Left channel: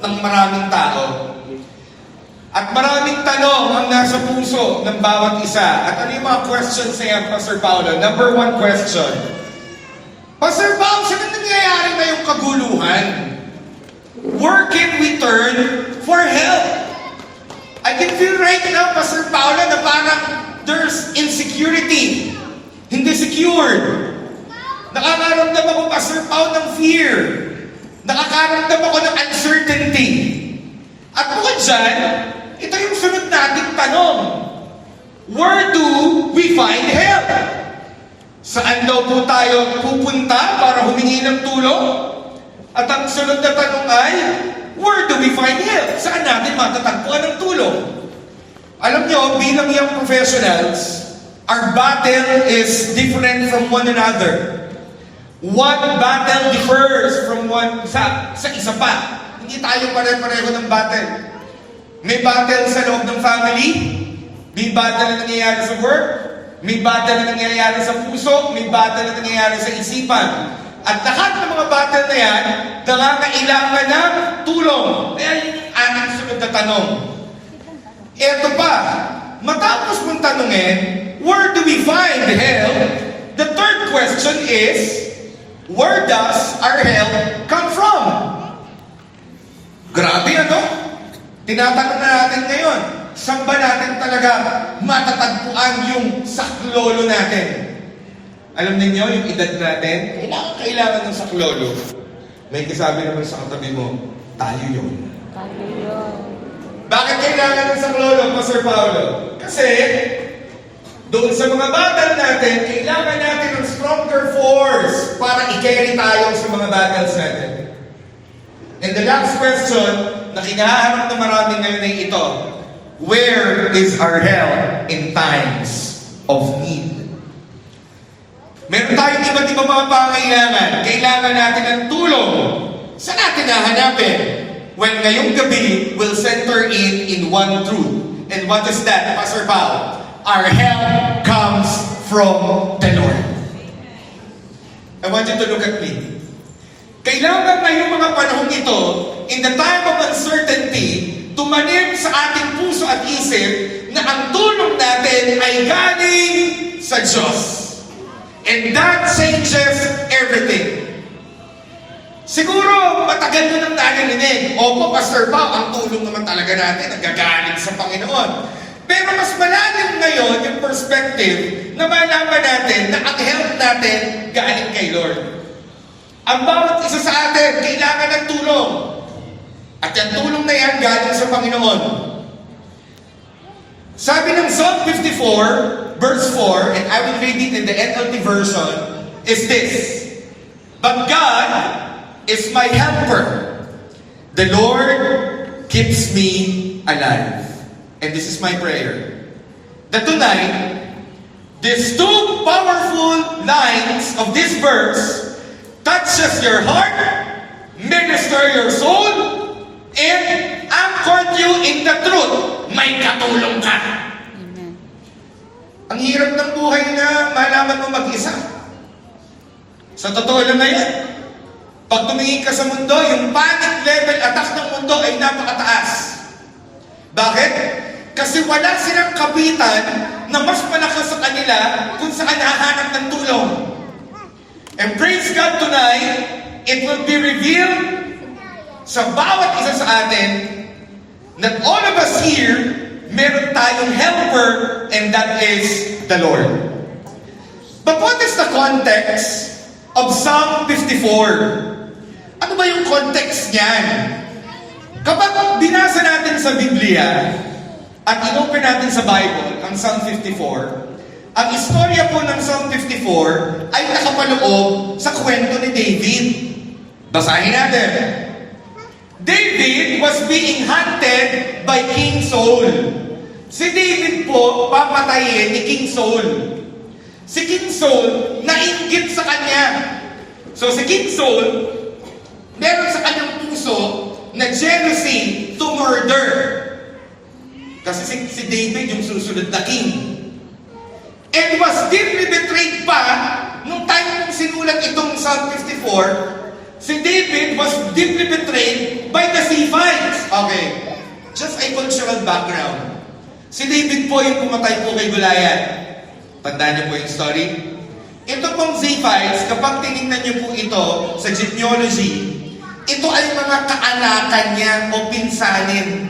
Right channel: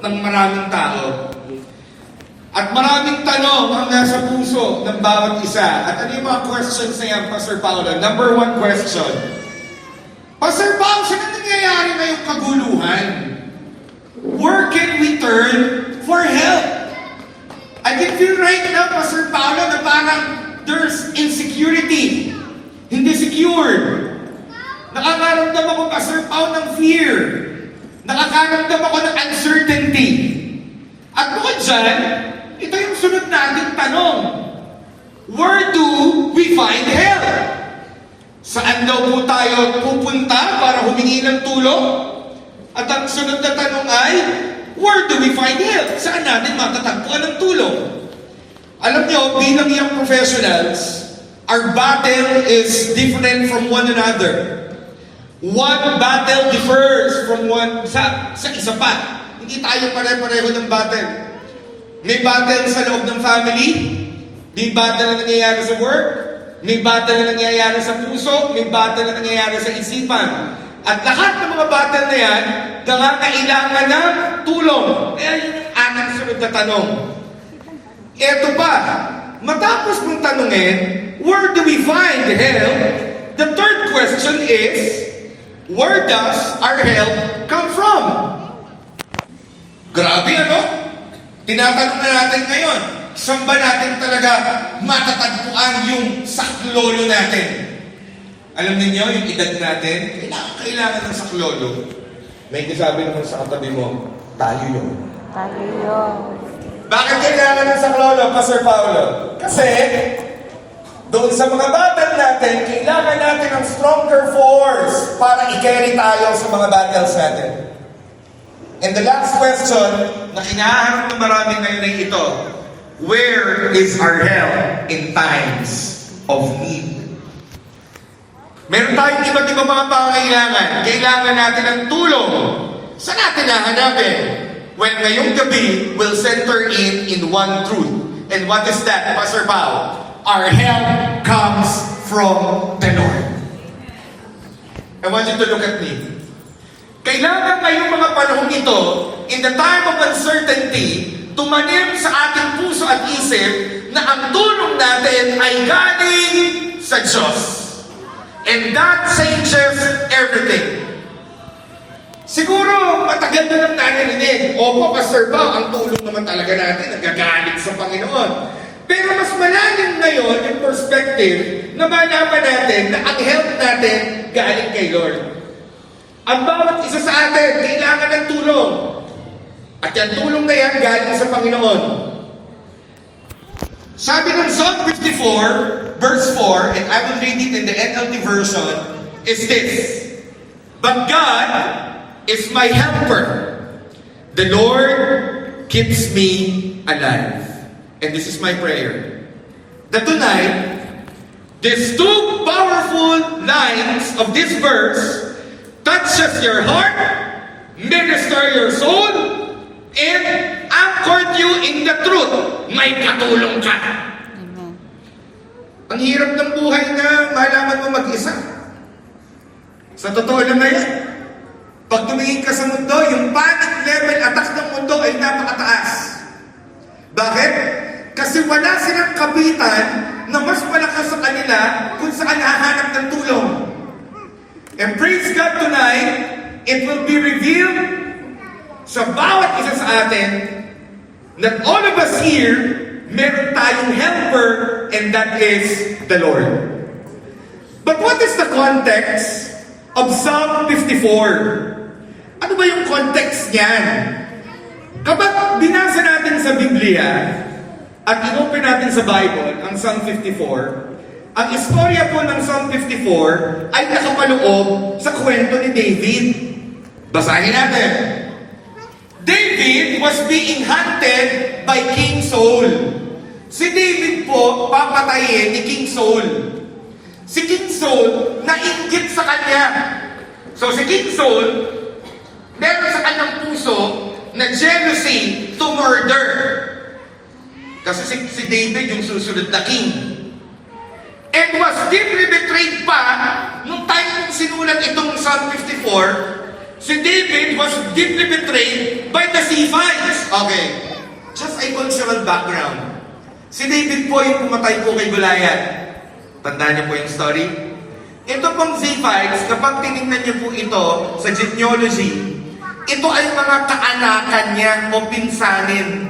ng maraming tao. At maraming tanong ang nasa puso ng bawat isa. At ano yung mga questions na yan, Pastor Paolo? Number one question. Pastor Paolo, saan ang nangyayari na yung kaguluhan? Where can we turn for help? I can feel right now, Pastor Paolo, na parang there's insecurity. Hindi secured. Nakakaramdam ako, Pastor Paolo, ng fear. Nakakaramdam ako ng uncertainty. At bukod dyan, ito yung sunod nating tanong. Where do we find help? Saan daw po tayo pupunta para humingi ng tulong? At ang sunod na tanong ay, where do we find help? Saan natin matatagpuan ng tulong? Alam niyo, bilang young professionals, our battle is different from one another. One battle differs from sa isa pa. Hindi tayo pare-pareho ng battle. May battle sa loob ng family, may battle na nangyayari sa work, may battle na nangyayari sa puso, may battle na nangyayari sa isipan. At lahat ng mga battle na yan, nangangailangan ng tulong. Kaya yun yung aking sunod na tanong. Eto pa, matapos mong tanungin, where do we find help? The third question is, where does our help come from? Grabe ano? Tinatanong na natin ngayon, saan ba natin talaga matatagpuan yung saklolo natin? Alam niyo yung edad natin, kailangan ng saklolo. May kasabi naman sa katabi mo, tayo yun. Tayo yun. Bakit kailangan ng saklolo, Pastor Paolo? Kasi, doon sa mga battle natin, kailangan natin ng stronger force para i-carry tayo sa mga battles natin. And the last question na kinahanap ng marami ngayon ay ito, where is our help in times of need? Meron tayong iba't ibang mga pangangailangan. Kailangan natin ng tulong. Saan natin hahanapin? When ngayong gabi will center in one truth. And what is that, Pastor Paul? Our help comes from the Lord. I want you to look at me. Kailangan ngayong mga panahon ito, in the time of uncertainty, tumanim sa ating puso at isip na ang tulong natin ay galing sa Diyos. And that changes everything. Siguro, matagal na nang narinig, opo, Pastor Pao, ang tulong naman talaga natin, nagagaling sa Panginoon. Pero mas malalim ngayon yung perspective na malaman natin na ang help natin galing kay Lord. Ang bawat isa sa atin, kailangan ng tulong. At yung tulong na yan galing sa Panginoon. Sabi ng Psalm 54, verse 4, and I will read it in the NLT version, is this: But God is my helper. The Lord keeps me alive. And this is my prayer. That tonight, these two powerful lines of this verse touches your heart, minister your soul, and anchored you in the truth. May katulong ka. Amen. Ang hirap ng buhay na malaman mo mag-isa. Sa totoo lang na yan. Pag tumingin ka sa mundo, yung panic level attack ng mundo ay napakataas. Bakit? Kasi wala silang kapitan na mas malakas sa kanila kung saan hahanap ng tulong. And praise God tonight, it will be revealed sa bawat isa sa atin that all of us here, meron tayong helper, and that is the Lord. But what is the context of Psalm 54? Ano ba yung context niyan? Kapag binasa natin sa Biblia at inopen natin sa Bible ang Psalm 54, ang istorya po ng Psalm 54 ay nakapaloob sa kwento ni David. Basahin natin. David was being hunted by King Saul. Si David po papatayin ni King Saul. Si King Saul nainggit sa kanya. So si King Saul, meron sa kanyang puso na jealousy to murder. Kasi si David yung susunod na king. And was deeply betrayed pa nung time kong sinulat itong Psalm 54. Si David was deeply betrayed by the C5. personal background. Si David po yung pumatay po kay Goliath. Tandaan niyo po yung story? Ito pong Ziphites, kapag tinignan niyo po ito sa genealogy, ito ay mga kaanakan niya o pinsanin.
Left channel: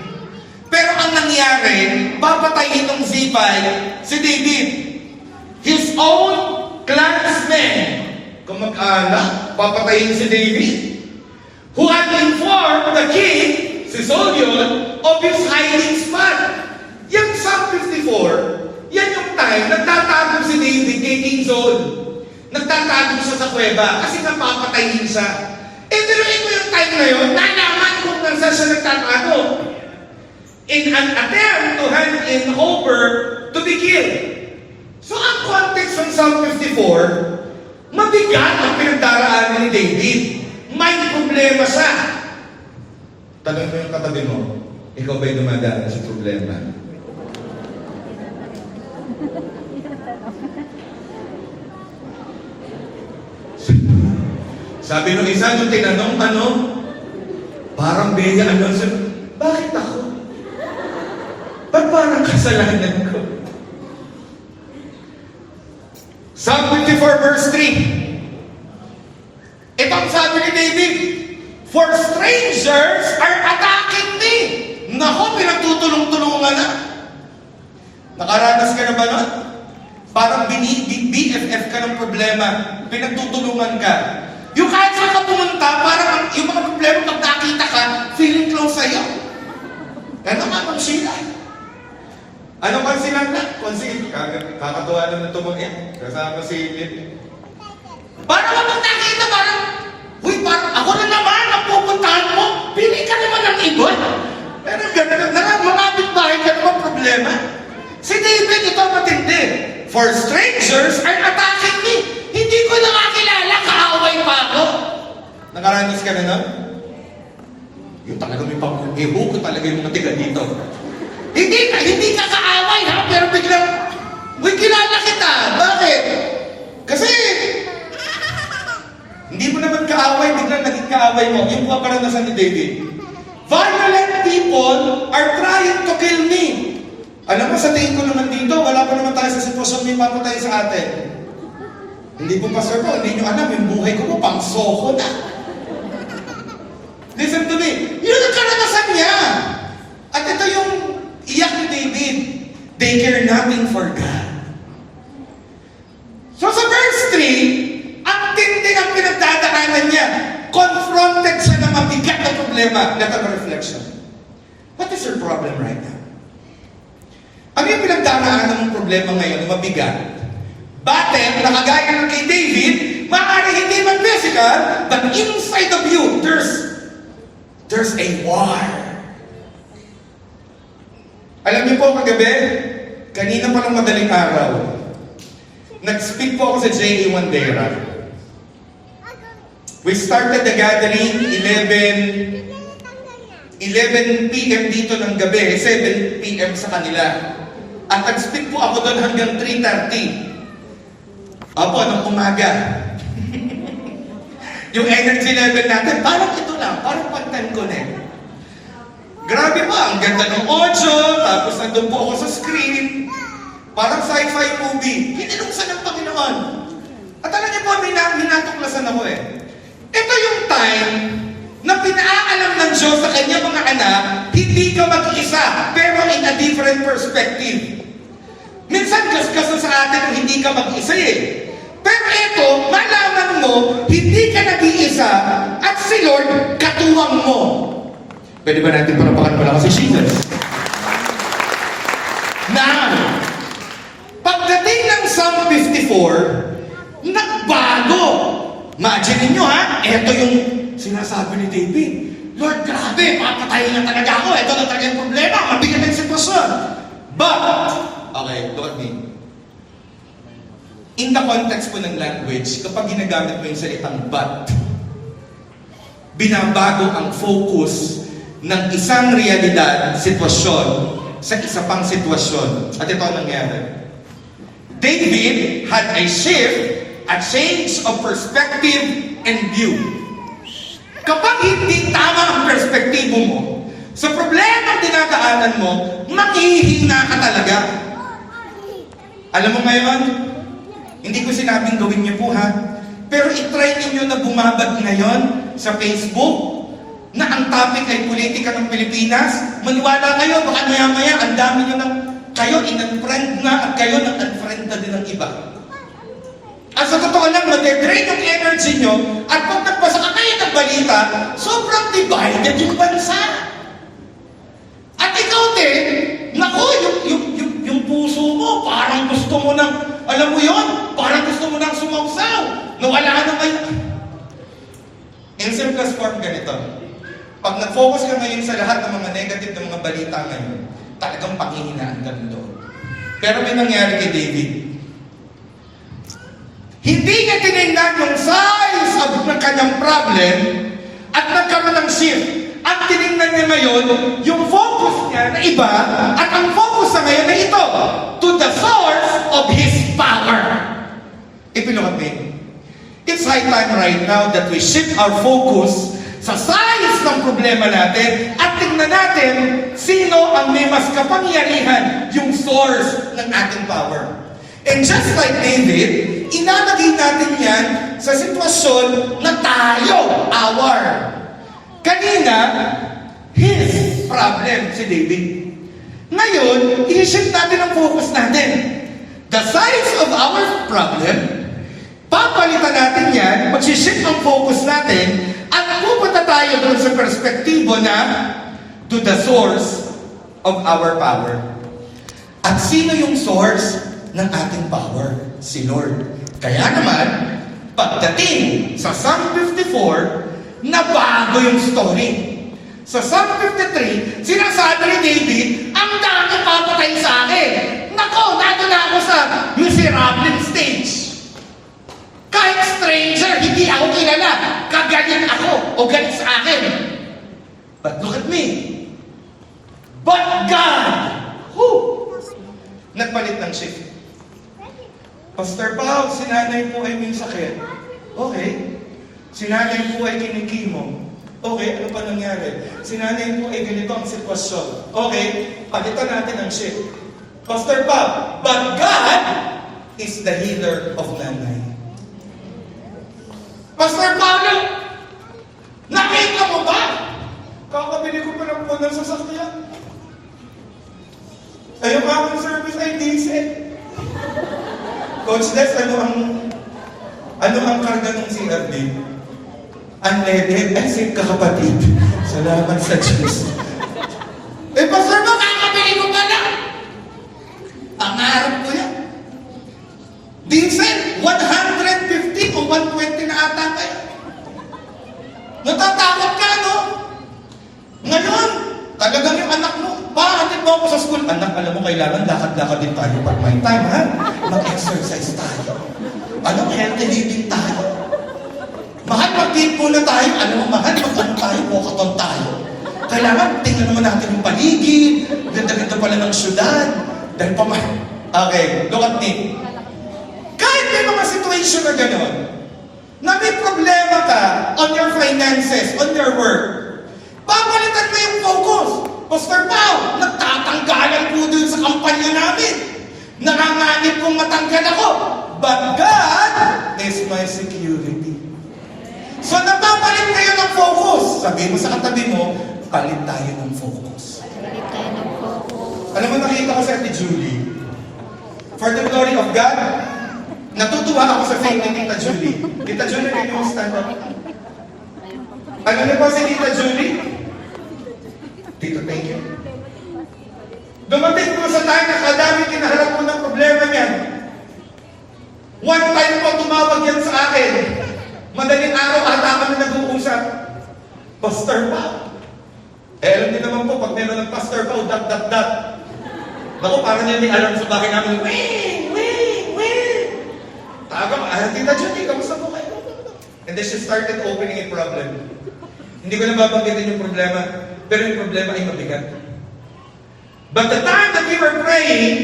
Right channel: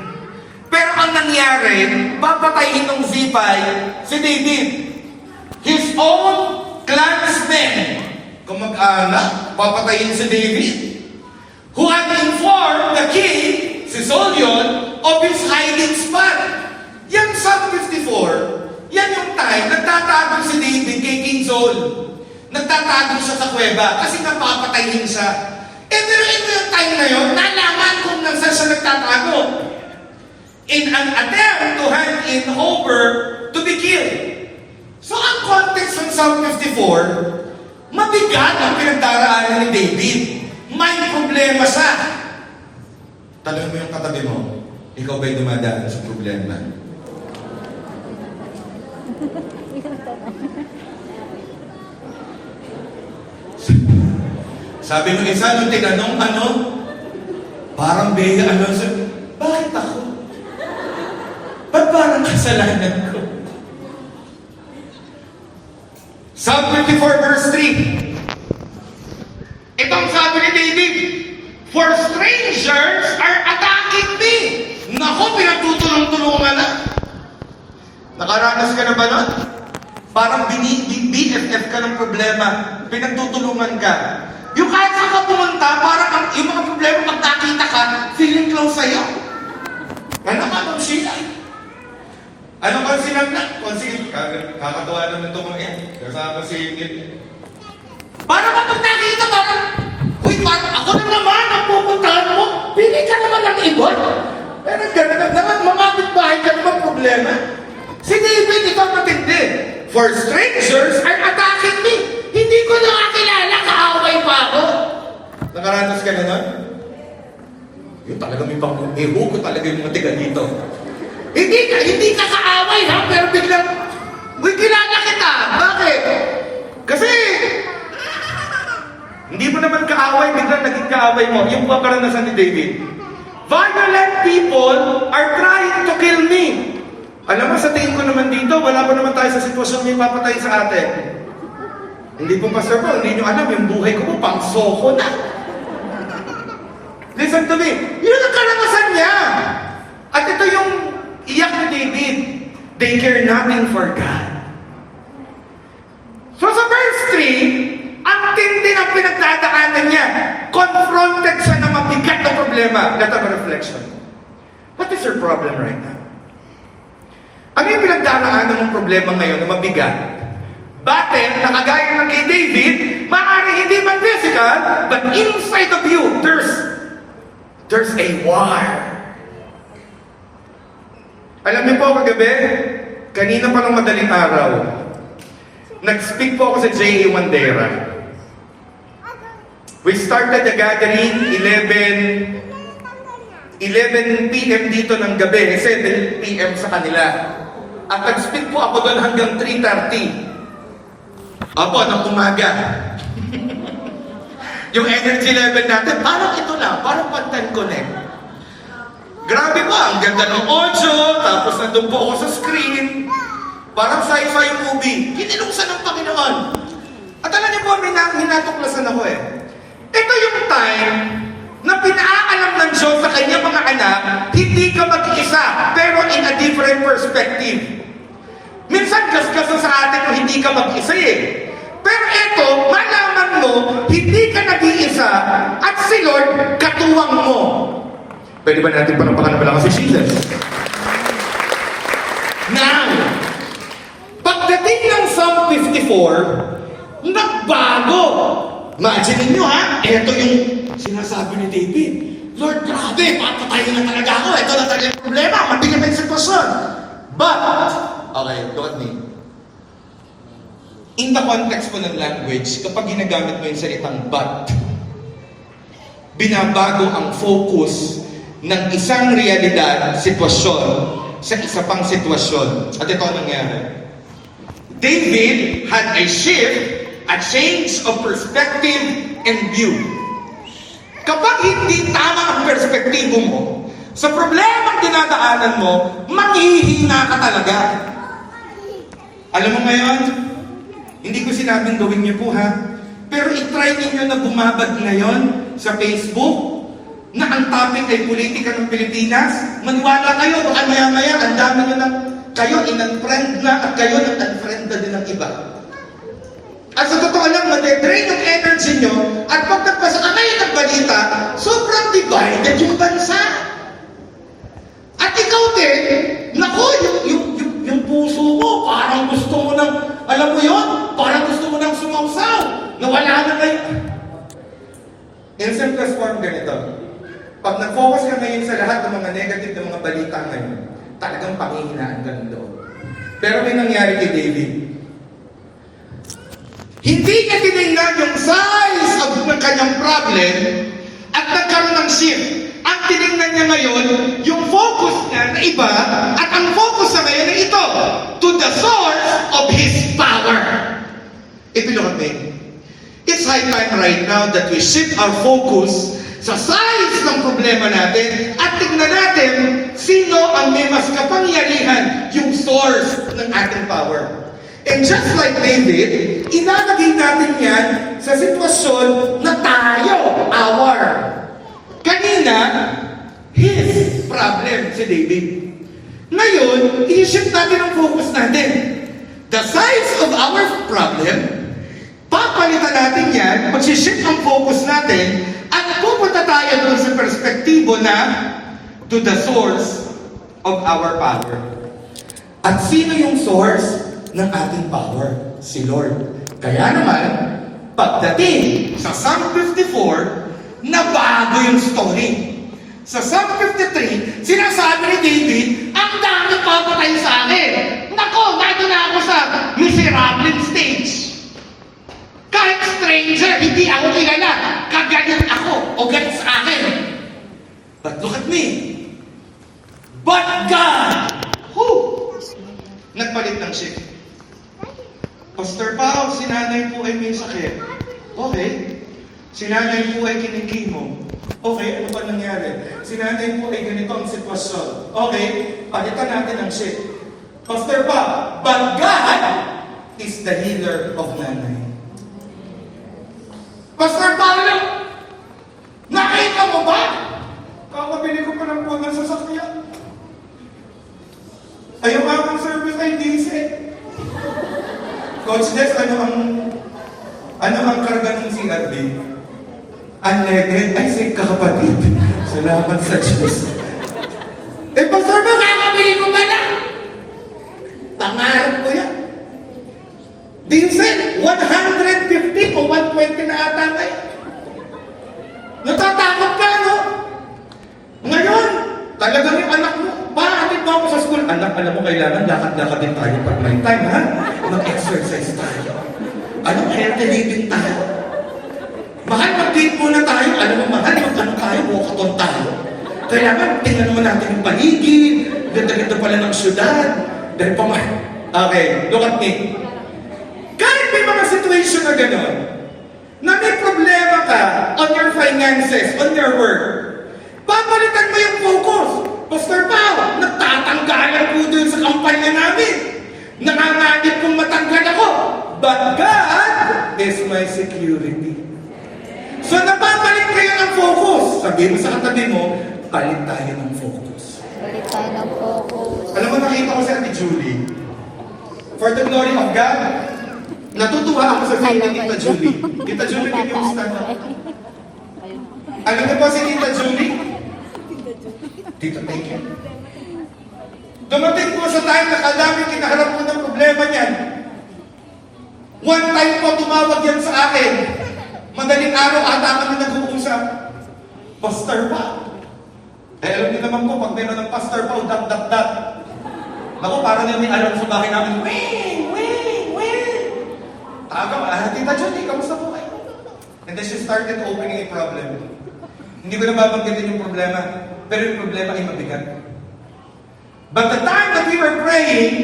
Pero ang nangyari, papatayin ng Ziphite si David. His own clansmen, kamag-anak, papatayin si David. Who had informed the king, si Solomon, of his hiding spot. Yung Psalm 54, yan yung time, nagtatago si David kay King Saul. Nagtatago siya sa kuweba kasi nga papatayin siya. Pero ito yung time na yun, nalaman kung nasa siya nagtatago. In an attempt to hand in over to be killed. So ang context ng Psalm 54, mabigat ang pinagdaraanan ni David. May problema siya. Tanong mo yung katabi mo, ikaw ba'y dumadaan sa problema? Sabi nung isa, nung tinanong, parang Bea, bakit ako? Ba't parang kasalanan ko? Psalm 54 verse 3. Ito ang sabi ni David, for strangers are attacking me. Nako, pinatutulong-tulungan na. Nakaranas ka na ba nun? Parang BFF ka ng problema. Pinagtutulungan ka. Yung kahit saan ka pumunta, parang yung mga problema pag nakita ka, feeling close sa'yo. Ano nga bang sila? Ano ba sila na? Kakatuwa naman ito mo eh. Kasama si Emil. Parang kapag nakita, parang, uy, parang ako na naman ang pupuntahan mo. Pili ka naman ng ibon. Pero gano'n, mga bahay ka naman problema. Si David, ito matindi. For strangers are attacking me. Hindi ko na kakilala, kaaway pa ako. Nakaranas ka na na? Yung talaga may pang-iho ko talaga yung mga tiga dito. Hindi ka kaaway ha, pero biglang, uy, kilala kita. Bakit? Kasi, hindi mo naman kaaway, biglang naging kaaway mo. Yung karanasan ni David. Violent people are trying to kill me. Alam mo, sa tingin ko naman dito, wala pa naman tayo sa sitwasyon may papatay sa atin. Hindi po, Pastor Paul, hindi nyo alam, yung buhay ko po, pang soko na. Listen to me. Yun ang karanasan niya. At ito yung iyak ni David. They care nothing for God. So sa verse 3, ang tindi ng pinagdadaanan niya. Confronted siya ng mabigat na problema. Let have a reflection. What is your problem right now? Ano yung pinagdaraanan ng problema ngayon na mabigat? Battle, nakagaya ng kay David, maaaring hindi man physical, but inside of you, there's a war. Alam niyo po kagabi, kanina pa lang madaling araw, nag-speak po ako sa J.A. Wandera. We started the gathering 11 p.m. dito ng gabi, 7 p.m. sa kanila. At nag-speak po ako doon hanggang 3:30. Opo, ng umaga. Yung energy level natin, parang ito lang, parang pantan connect. Grabe po, ang ganda ng audio, tapos nandun po ako sa screen. Parang sci-fi movie. Kiniluksan ng Panginoon. At alam niyo po, minatuklasan ako eh. Ito yung time na pinaalam ng Diyos sa kanyang mga anak, hindi ka mag-isa, pero in a different perspective. Minsan gasgas na sa atin na hindi ka mag-isa eh. Pero ito, malaman mo, hindi ka nag-iisa at si Lord katuwang mo. Pwede ba natin panampakan na pala kasi Jesus? Now, pagdating ng Psalm 54, nagbago. Imagine niyo ha, ito yung sinasabi ni David. Lord, grabe, papatayin na talaga ako. Ito na talaga yung problema. Mabigat ang sitwasyon. But, okay, look at me. In the context po ng language, kapag ginagamit mo yung salitang but, binabago ang focus ng isang realidad, sitwasyon, sa isa pang sitwasyon. At ito ang nangyari. David had a shift, a change of perspective and view. Kapag hindi tama ang perspektibo mo, Sa problema dinadaanan mo, manghihina ka talaga. Alam mo ngayon, hindi ko sinabing gawin niyo po ha, pero itry ninyo na bumabad ngayon sa Facebook na ang topic ay politika ng Pilipinas. Maniwala kayo, baka maya-maya, ang dami nyo ng kayo in-unfriend na at kayo nag-unfriend na din ng iba. At sa totoo lang, nade-drain yung energy nyo at pag nagpasa ka ngayon ng balita, sobrang divided yung bansa. At ikaw din, naku, yung puso mo, parang gusto mo ng, alam mo yon, parang gusto mo ng sumausaw. Nawala na kayo. In simplest form, ganito. Pag nag-focus ka ngayon sa lahat ng mga negative ng mga balita ngayon, talagang panghihinaan ka ng loob. Pero may nangyari kay David. Hindi niya tinignan yung size of ng kanyang problem at nagkaroon ng shift. Ang tinignan niya ngayon, yung focus niya na iba, at ang focus na ngayon na ito, to the source of his power. If you look at me, it's high time right now that we shift our focus sa size ng problema natin at tignan natin sino ang may mas kapangyarihan, yung source ng ating power. And just like David, inalagay natin yan sa sitwasyon na tayo, our. Kanina, his problem si David. Ngayon, i-shift natin ang focus natin. The size of our problem, papalitan natin yan, mag-shift ang focus natin, at pupunta tayo doon sa perspektibo na to the source of our power. At sino yung source ng ating power? Si Lord. Kaya naman, pagdating sa Psalm 54, nabago yung story. Sa Psalm 53, sinasabi ni David, ang dami papatay sa akin. Nako, nato na ako sa miserable stage. Kahit stranger, hindi ako kilala. Kagalit ako o galit sa akin. But look at me. But God, nagpalit ng shift. Pastor Pao, sinanay po ay may sakit. Okay. Sinanay po ay kinikimo. Okay, ano pa nangyari? Sinanay po ay ganito ang sitwasyon. Okay, palitan natin ang shift. Pastor Pao, but God is the healer of nanay. Pastor Paulo, nakita mo ba? Kakabili ko pa lang po ng sasakyan. Ayaw nga akong service ay diesel. Coach Des, ano ang karga ng CRD? Unleaded, ay say kakapatid. Salamat sa Diyos. Pastor ba, kakabili ko ba lang? Pangarap ko yan. Diesel, 150 o 120 na ata kayo. Natatakot ka, no? Ngayon, talagang yung anak mo, hatid mo ako sa school. Anak, alam mo, kailangan lakad-lakad din tayo pag may time, ha? Mag-exercise tayo. Ano, healthy living tayo. Mahal, mag-date muna tayo. Alam mo, mahal, mag-ano tayo, walkathon tayo. Kailangan, tingnan naman natin yung paligid. Ganda-ganda pala ng syudad. Dahil pa man. Okay, look at me. Kahit may mga situation na gano'n, na may problema ka on your finances, on your work, babalitan mo yung focus. Pastor Pao, nagtatanggalan po dun sa kampanya namin. Nanganganib kong matanggal ako. But God is my security. So napapalik kayo ng focus. Sabihin mo sa katabi mo, palit tayo ng focus. Palit tayo ng focus. Alam mo, nakita ko si Ate Julie. For the glory of God, natutuwa ako sa faith ni Tita Julie. Tita Julie, may kumusta niyo? Alam niyo po si Tita Julie? Tito, thank you. Dumating po sa time na kadami kinaharap po ng problema niyan. One time po tumawag yan sa akin. Madaling araw ata kami nag-uusap. Pastor pa. Alam niyo naman po, pag meron ng pastor pa, dat. Naku, parang niya may alam sa bahay namin. Tagang, Tita Judy, kamusta po kayo? And then she started opening a problem. Hindi ko na babanggitin yung problema, pero yung problema ay mabigat. But the time that we were praying,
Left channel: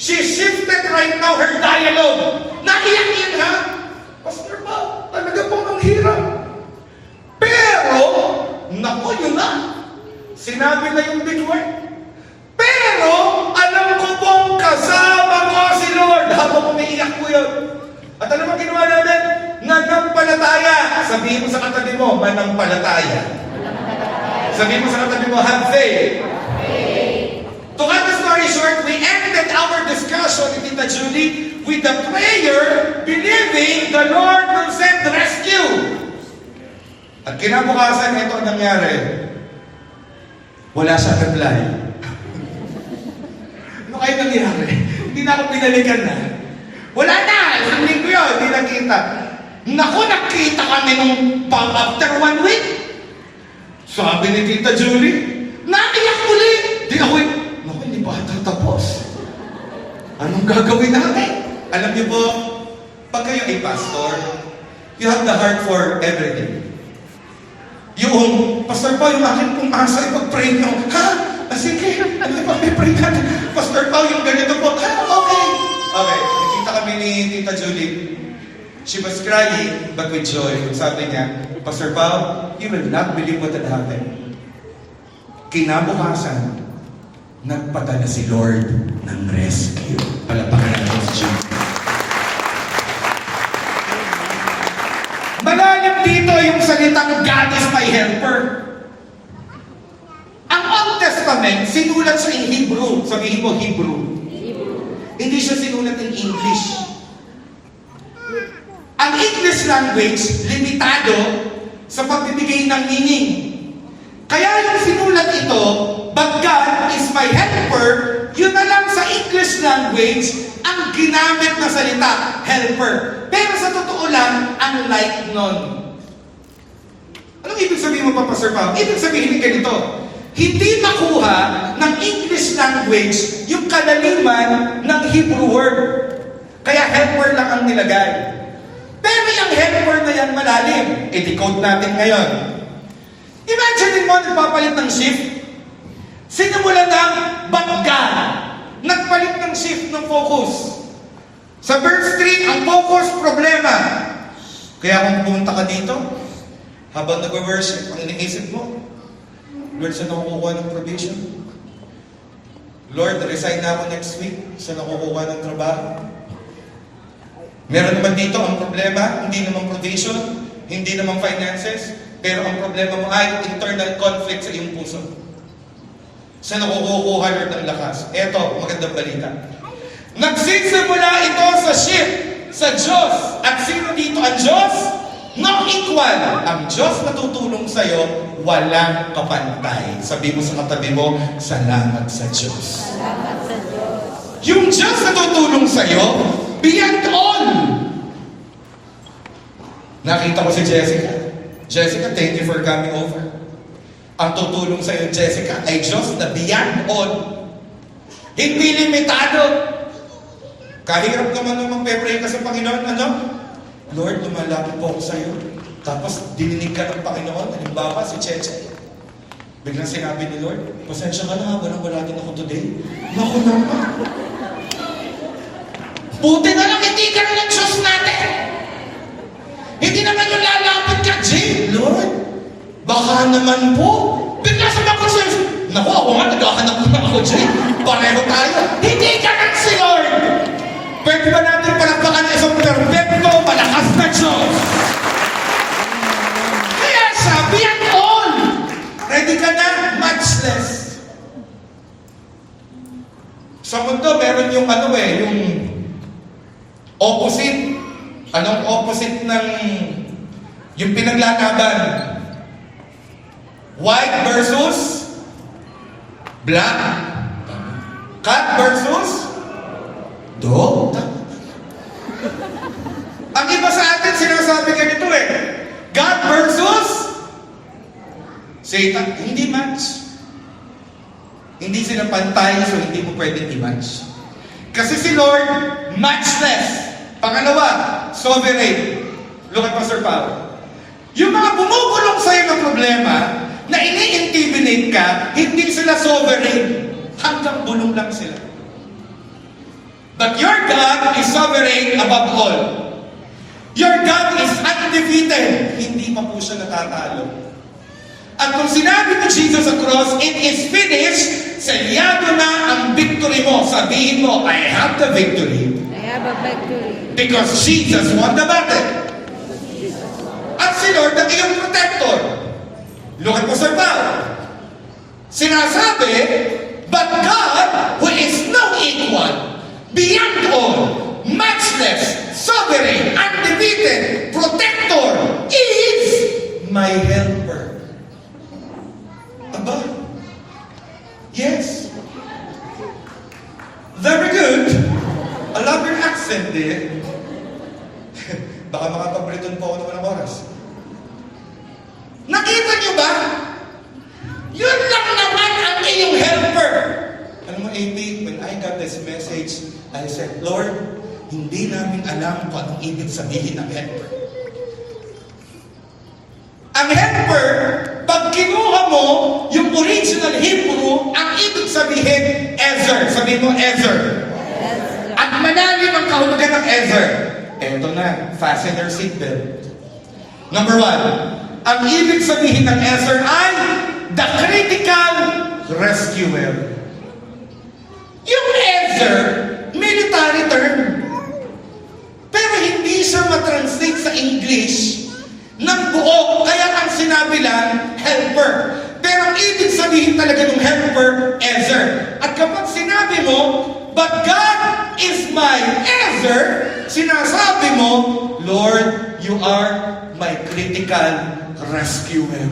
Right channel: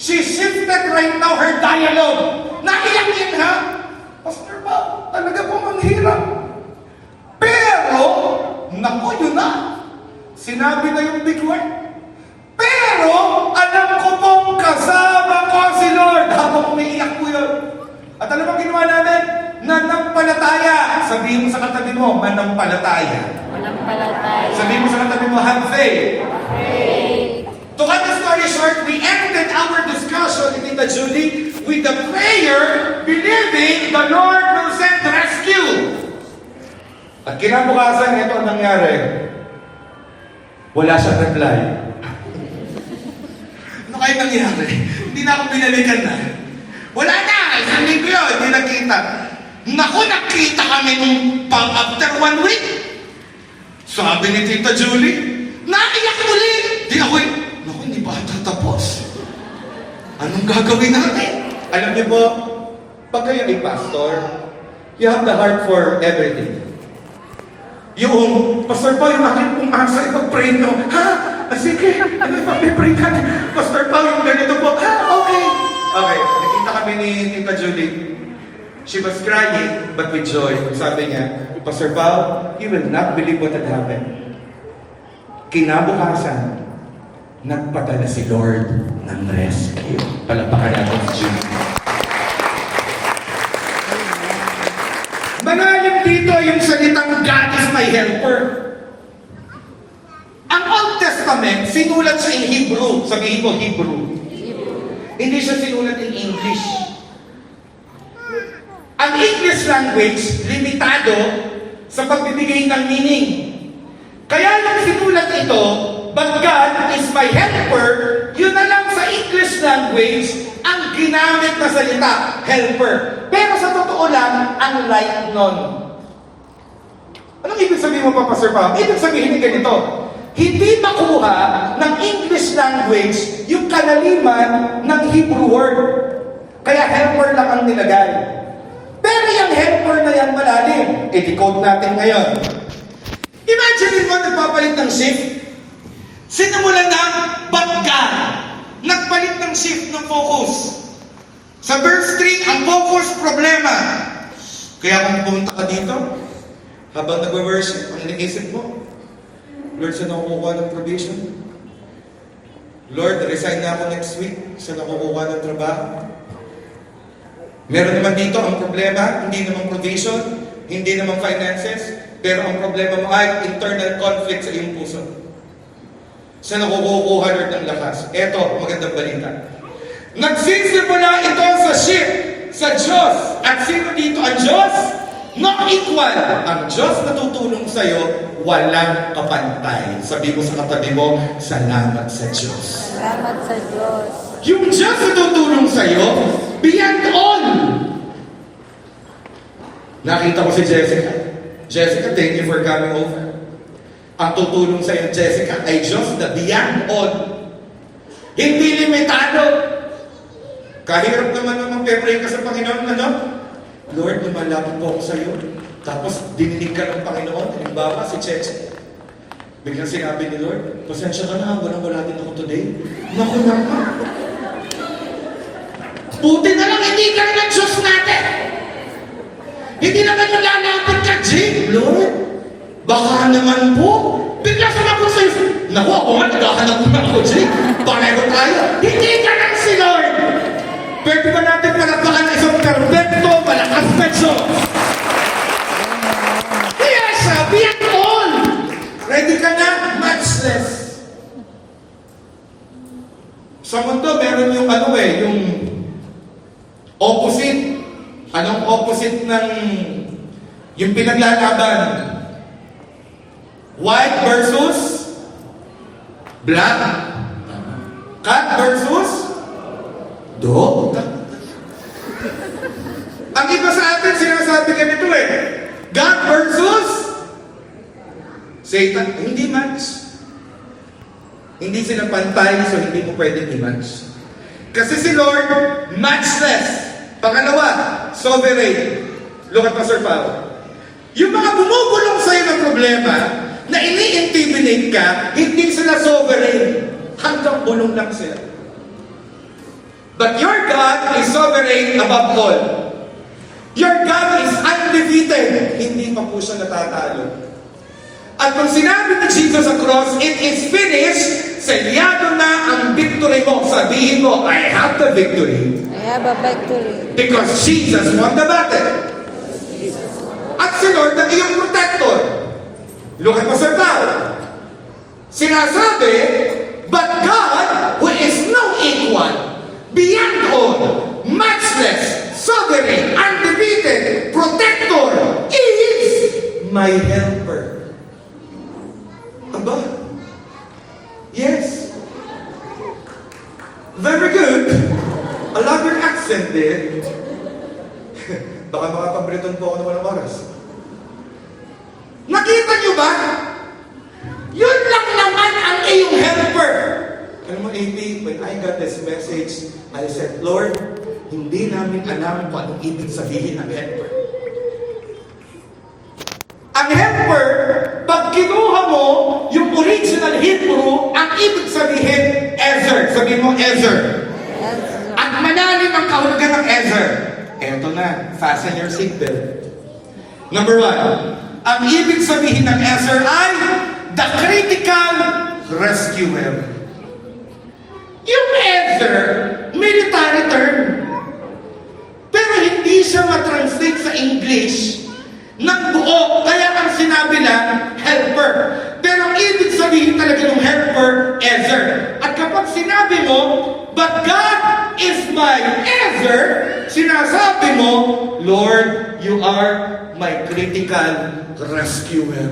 she shifted right now her dialogue. Naiyak ha? Pastor ba, talaga po ang hirap. Pero, naku, yun na. Sinabi na yung big word. Pero, alam ko pong kasama ko si Lord habang umiiyak ko yun. At alam mo ginawa namin? Nanampalataya. Sabihin mo sa katabi mo, manampalataya. Sabihin mo sa katabi mo, have faith. To cut the story short, we ended our discussion with Tita Julie with the prayer, believing the Lord will send rescue. At kinabukasan, ito ang nangyari. Wala siyang reply. Ano kayo nangyari? Hindi na ako pinalikan na. Wala na! Isang linggo yun, hindi nakita. Naku, nakita kami nung after 1 week. Sabi ni Tita Julie, naiyak muli! Di ako naku, hindi pa tatapos. Anong gagawin natin? Alam niyo po, pag kayo ay pastor, you have the heart for everything. Yung, Pastor Paul, akin kung asa ipag-pray nyo. Ha? Sige, pag-pray natin. Pastor Paul, yung ganito po. Ha? Okay. Okay, nakita kami ni Tita Julie. She was crying, but with joy. Sabi niya, Pastor Paul, you will not believe what had happened. Kinabukasan, nagpadala si Lord ng rescue. Palapakan natin si Julie. Malalim dito yung salitang God is my helper. Ang Old Testament, sinulat siya in Hebrew. Sabihin mo, Hebrew. Hindi siya sinulat in English. Ang English language, limitado sa pagbibigay ng meaning. Kaya yung sinulat ito, but God is my helper, yun na lang sa English language, ang ginamit na salita, helper. Pero sa totoo lang, unlike nun. Anong ibig sabihin mo pa, Pastor Pao? Ibig sabihin ganito, hindi makuha ng English language yung kalaliman ng Hebrew word. Kaya helper lang ang nilagay. Pero yung helper na yan malalim. I-decode natin ngayon. Imagine mo, nagpapalit ng shift. Sinimulan ng batgan. Nagpalit ng shift ng focus. Sa verse 3, ang focus, problema. Kaya kung pumunta ka dito, habang nag-worship, ang iniisip mo, Lord, saan ako kukuha ng provision? Lord, resign na ako next week. Saan ako kukuha ng trabaho? Meron naman dito ang problema, hindi naman provision, hindi naman finances, pero ang problema mo ay internal conflict sa iyong puso. Saan ako kukuha, Lord, ng lakas? Eto, magandang balita. Nagsisimula ito sa ship, sa Diyos. At sino dito ang Diyos? Not equal. Ang Diyos na tutulong sa'yo, walang kapantay. Sabi mo sa katabi mo, salamat sa Diyos. Salamat sa Diyos. Yung Diyos na tutulong sa'yo, beyond all. Nakita ko si Jessica. Jessica, thank you for coming over. Ang tutulong sa'yo, Jessica, ay Diyos na beyond all. Hindi limitado. Kahirap naman nung mag-pray ka sa Panginoon, ano? Lord, lumalapit po ako sa'yo. Tapos, dininig ka ng Panginoon. Halimbawa, si Cheche. Biglang sinabi ni Lord, pasensya ka na, wala din ako today. Naku naman. Buti na lang, hindi ka lang Diyos natin. Hindi naman yung lalapit ka, Jay. Lord, baka naman po. Bigla sumagot sa'yo. Naku, ako nga, naghahanap ko na ako, Jay. Pareho tayo. Hindi ka lang si Lord. Pwede ba natin palapakan isang perfecto, malakas na Diyos? Kaya sabi ang all. Ready ka na? Matchless. Sa mundo, meron yung yung opposite. Anong opposite ng yung pinaglalaban? White versus black. Cat versus dog. Ang iba sa atin, sinasabi ganito God versus Satan. Hindi match. Hindi sila pantay, so hindi mo pwedeng i-match. Kasi si Lord, matchless. Pangalawa, sovereign. Look at Pastor Pao. Yung mga bumubulong sa'yo ng problema, na ini-intimidate ka, hindi sila sovereign. Hanggang bulong lang sila. But your God is sovereign above all. Your God is undefeated. Hindi pa po siya natatalo. At kung sinabi ni Jesus sa cross, it is finished, selyado na ang victory mo. Sabihin mo, I have the victory I have a victory. because Jesus won the battle. At si Lord ang iyong protector. Look at Pastor Paul. Sinasabi, but God, who is no equal, beyond all, matchless, sovereign, undefeated, protector, is my helper. Aba? Yes. Very good. I love your accent there. Baka makapag-Breton po ako ng walang oras. Nakita niyo ba? Yun lang naman ang iyong helper. Alam mo, AP, when I got this message, I said, Lord, hindi namin alam kung anong ibig sabihin ng helper. Ang helper, pag kinuha mo yung original Hebrew, ang ibig sabihin, Ezer. Sabihin mo, Ezer. Yes, At malalim ang kahulugan ng Ezer. Eto na, fasten your seatbelt. Number 1, ang ibig sabihin ng Ezer ay the critical rescuer. Yung Ezer, military term. Pero hindi siya matranslate sa English ng buo. Kaya ang sinabi lang, helper. Pero ang ibig sabihin talaga ng helper, Ezer. At kapag sinabi mo, but God is my Ezer, sinasabi mo, Lord, you are my critical rescuer.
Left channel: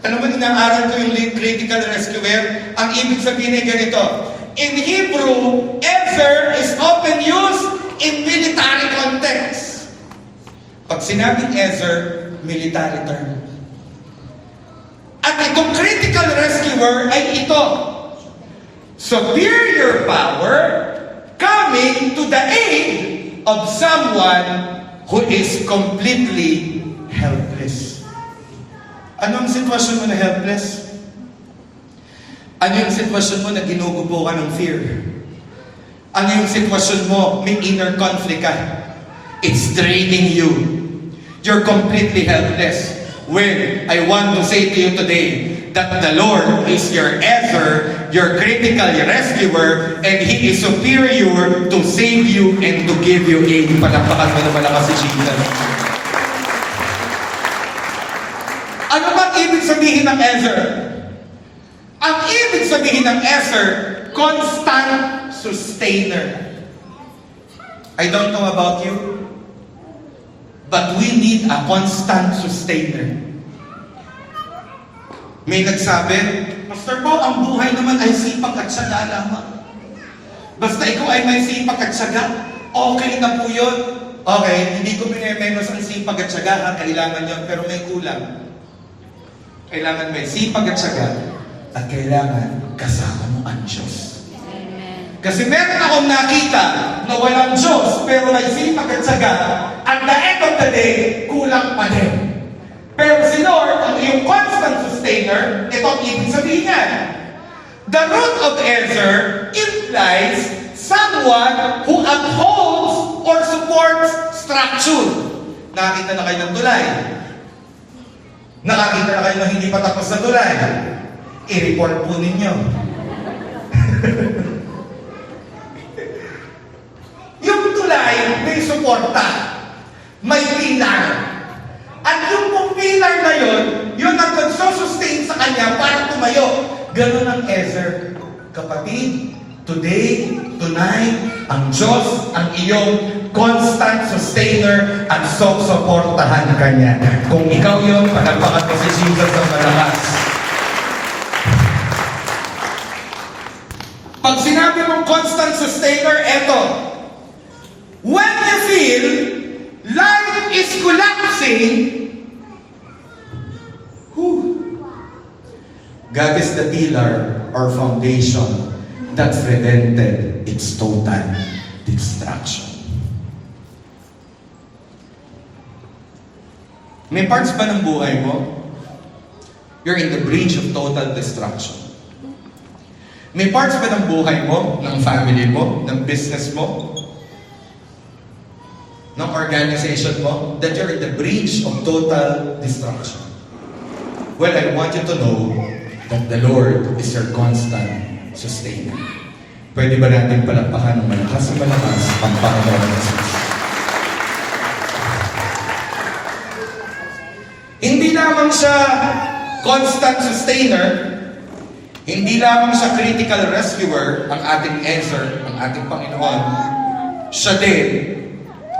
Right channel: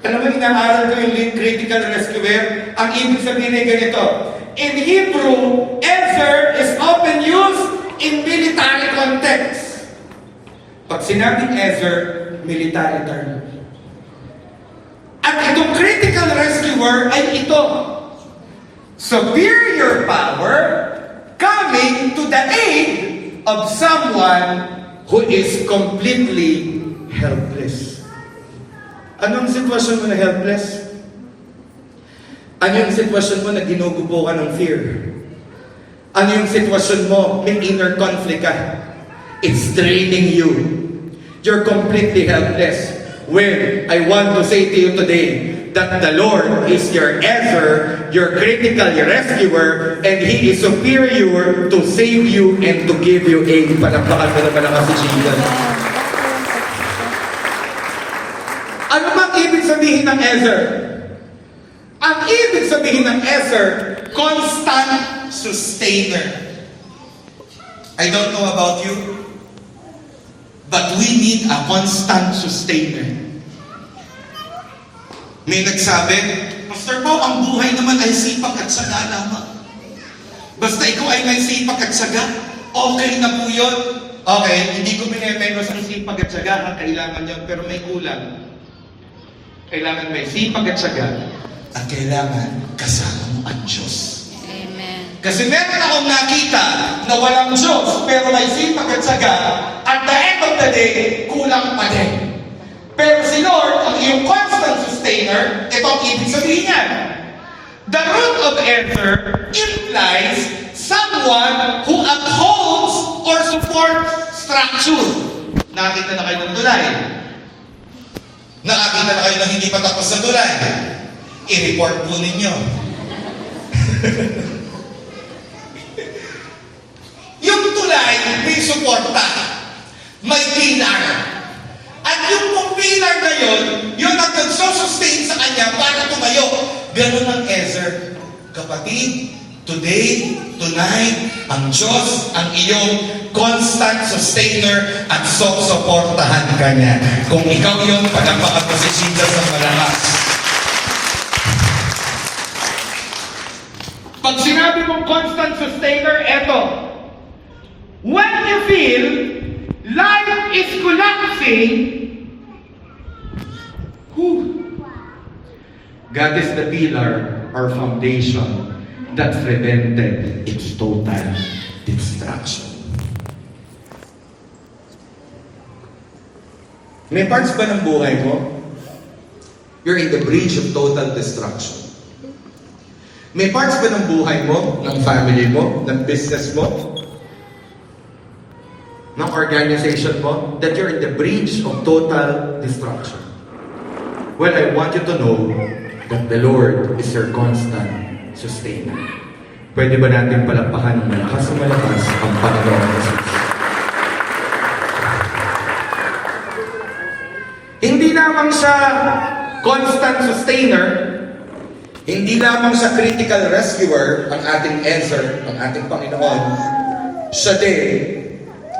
Alam mo, inaaral ko yung critical rescuer. Ang ibig sabihin ay ganito. In Hebrew, Ezer is often used in military context. Pag sinabing Ezer, military term. At itong critical rescuer ay ito. Superior power coming to the aid of someone who is completely helpless. Anong sitwasyon mo na helpless? Ano yung sitwasyon mo na ginugubo ka ng fear? Ano yung sitwasyon mo, may inner conflict ka? It's draining you. You're completely helpless. Well, I want to say to you today that the Lord is your Ezer, your critical rescuer, and He is superior to save you and to give you aid. Palakpakan mo na malakas si Jesus. Ano bang ibig sabihin ng Ezer? Ang ibig sabihin ng Ezer, constant sustainer. I don't know about you, but we need a constant sustainer. May nagsabi, Pastor Paul, ang buhay naman ay sipag at syaga lamang. Basta ikaw ay may sipag at syaga, okay na po yun. Okay, hindi ko minemenos ang sipag at syaga, kailangan yun, pero may kulang. Kailangan may sipag at syaga, at kailangan kasama mo ang Diyos. Amen. Kasi meron akong nakita na walang Diyos, pero may sipag at syaga, at the end of the day, kulang pa din. Pero si Lord, ang iyong constant sustainer, ito ang ibig sabihin niya. The root of Ezer implies someone who upholds or supports structure. Nakita na kayo ng tulay. Nakakita na kayo ng hindi pa tapos sa tulay. I-report po ninyo. Yung tulay, may suporta. May pilar. At yung pong pilar na yun ang nagsusustain sa kanya para tumayo. Ganun ang Ezer. Kapatid, today, tonight, ang Diyos ang iyong constant sustainer at suportahan ka niya. Kung ikaw yun, palakpakan mo si Jesus ng malakas. Pag sinabi mong constant sustainer, eto. When you feel life is collapsing, God is the pillar or foundation that prevented its total destruction. May parts ba ng buhay mo? You're in the bridge of total destruction. May parts ba ng buhay mo, ng family mo, ng business mo, ng organization mo, that you're in the bridge of total destruction? Well, I want you to know that the Lord is your constant sustainer. Pwede ba natin palakpakan ng malakas ang Panginoon Jesus? Hindi lamang siya constant sustainer, hindi lamang siya critical rescuer, ang ating answer, ang ating Panginoon, siya din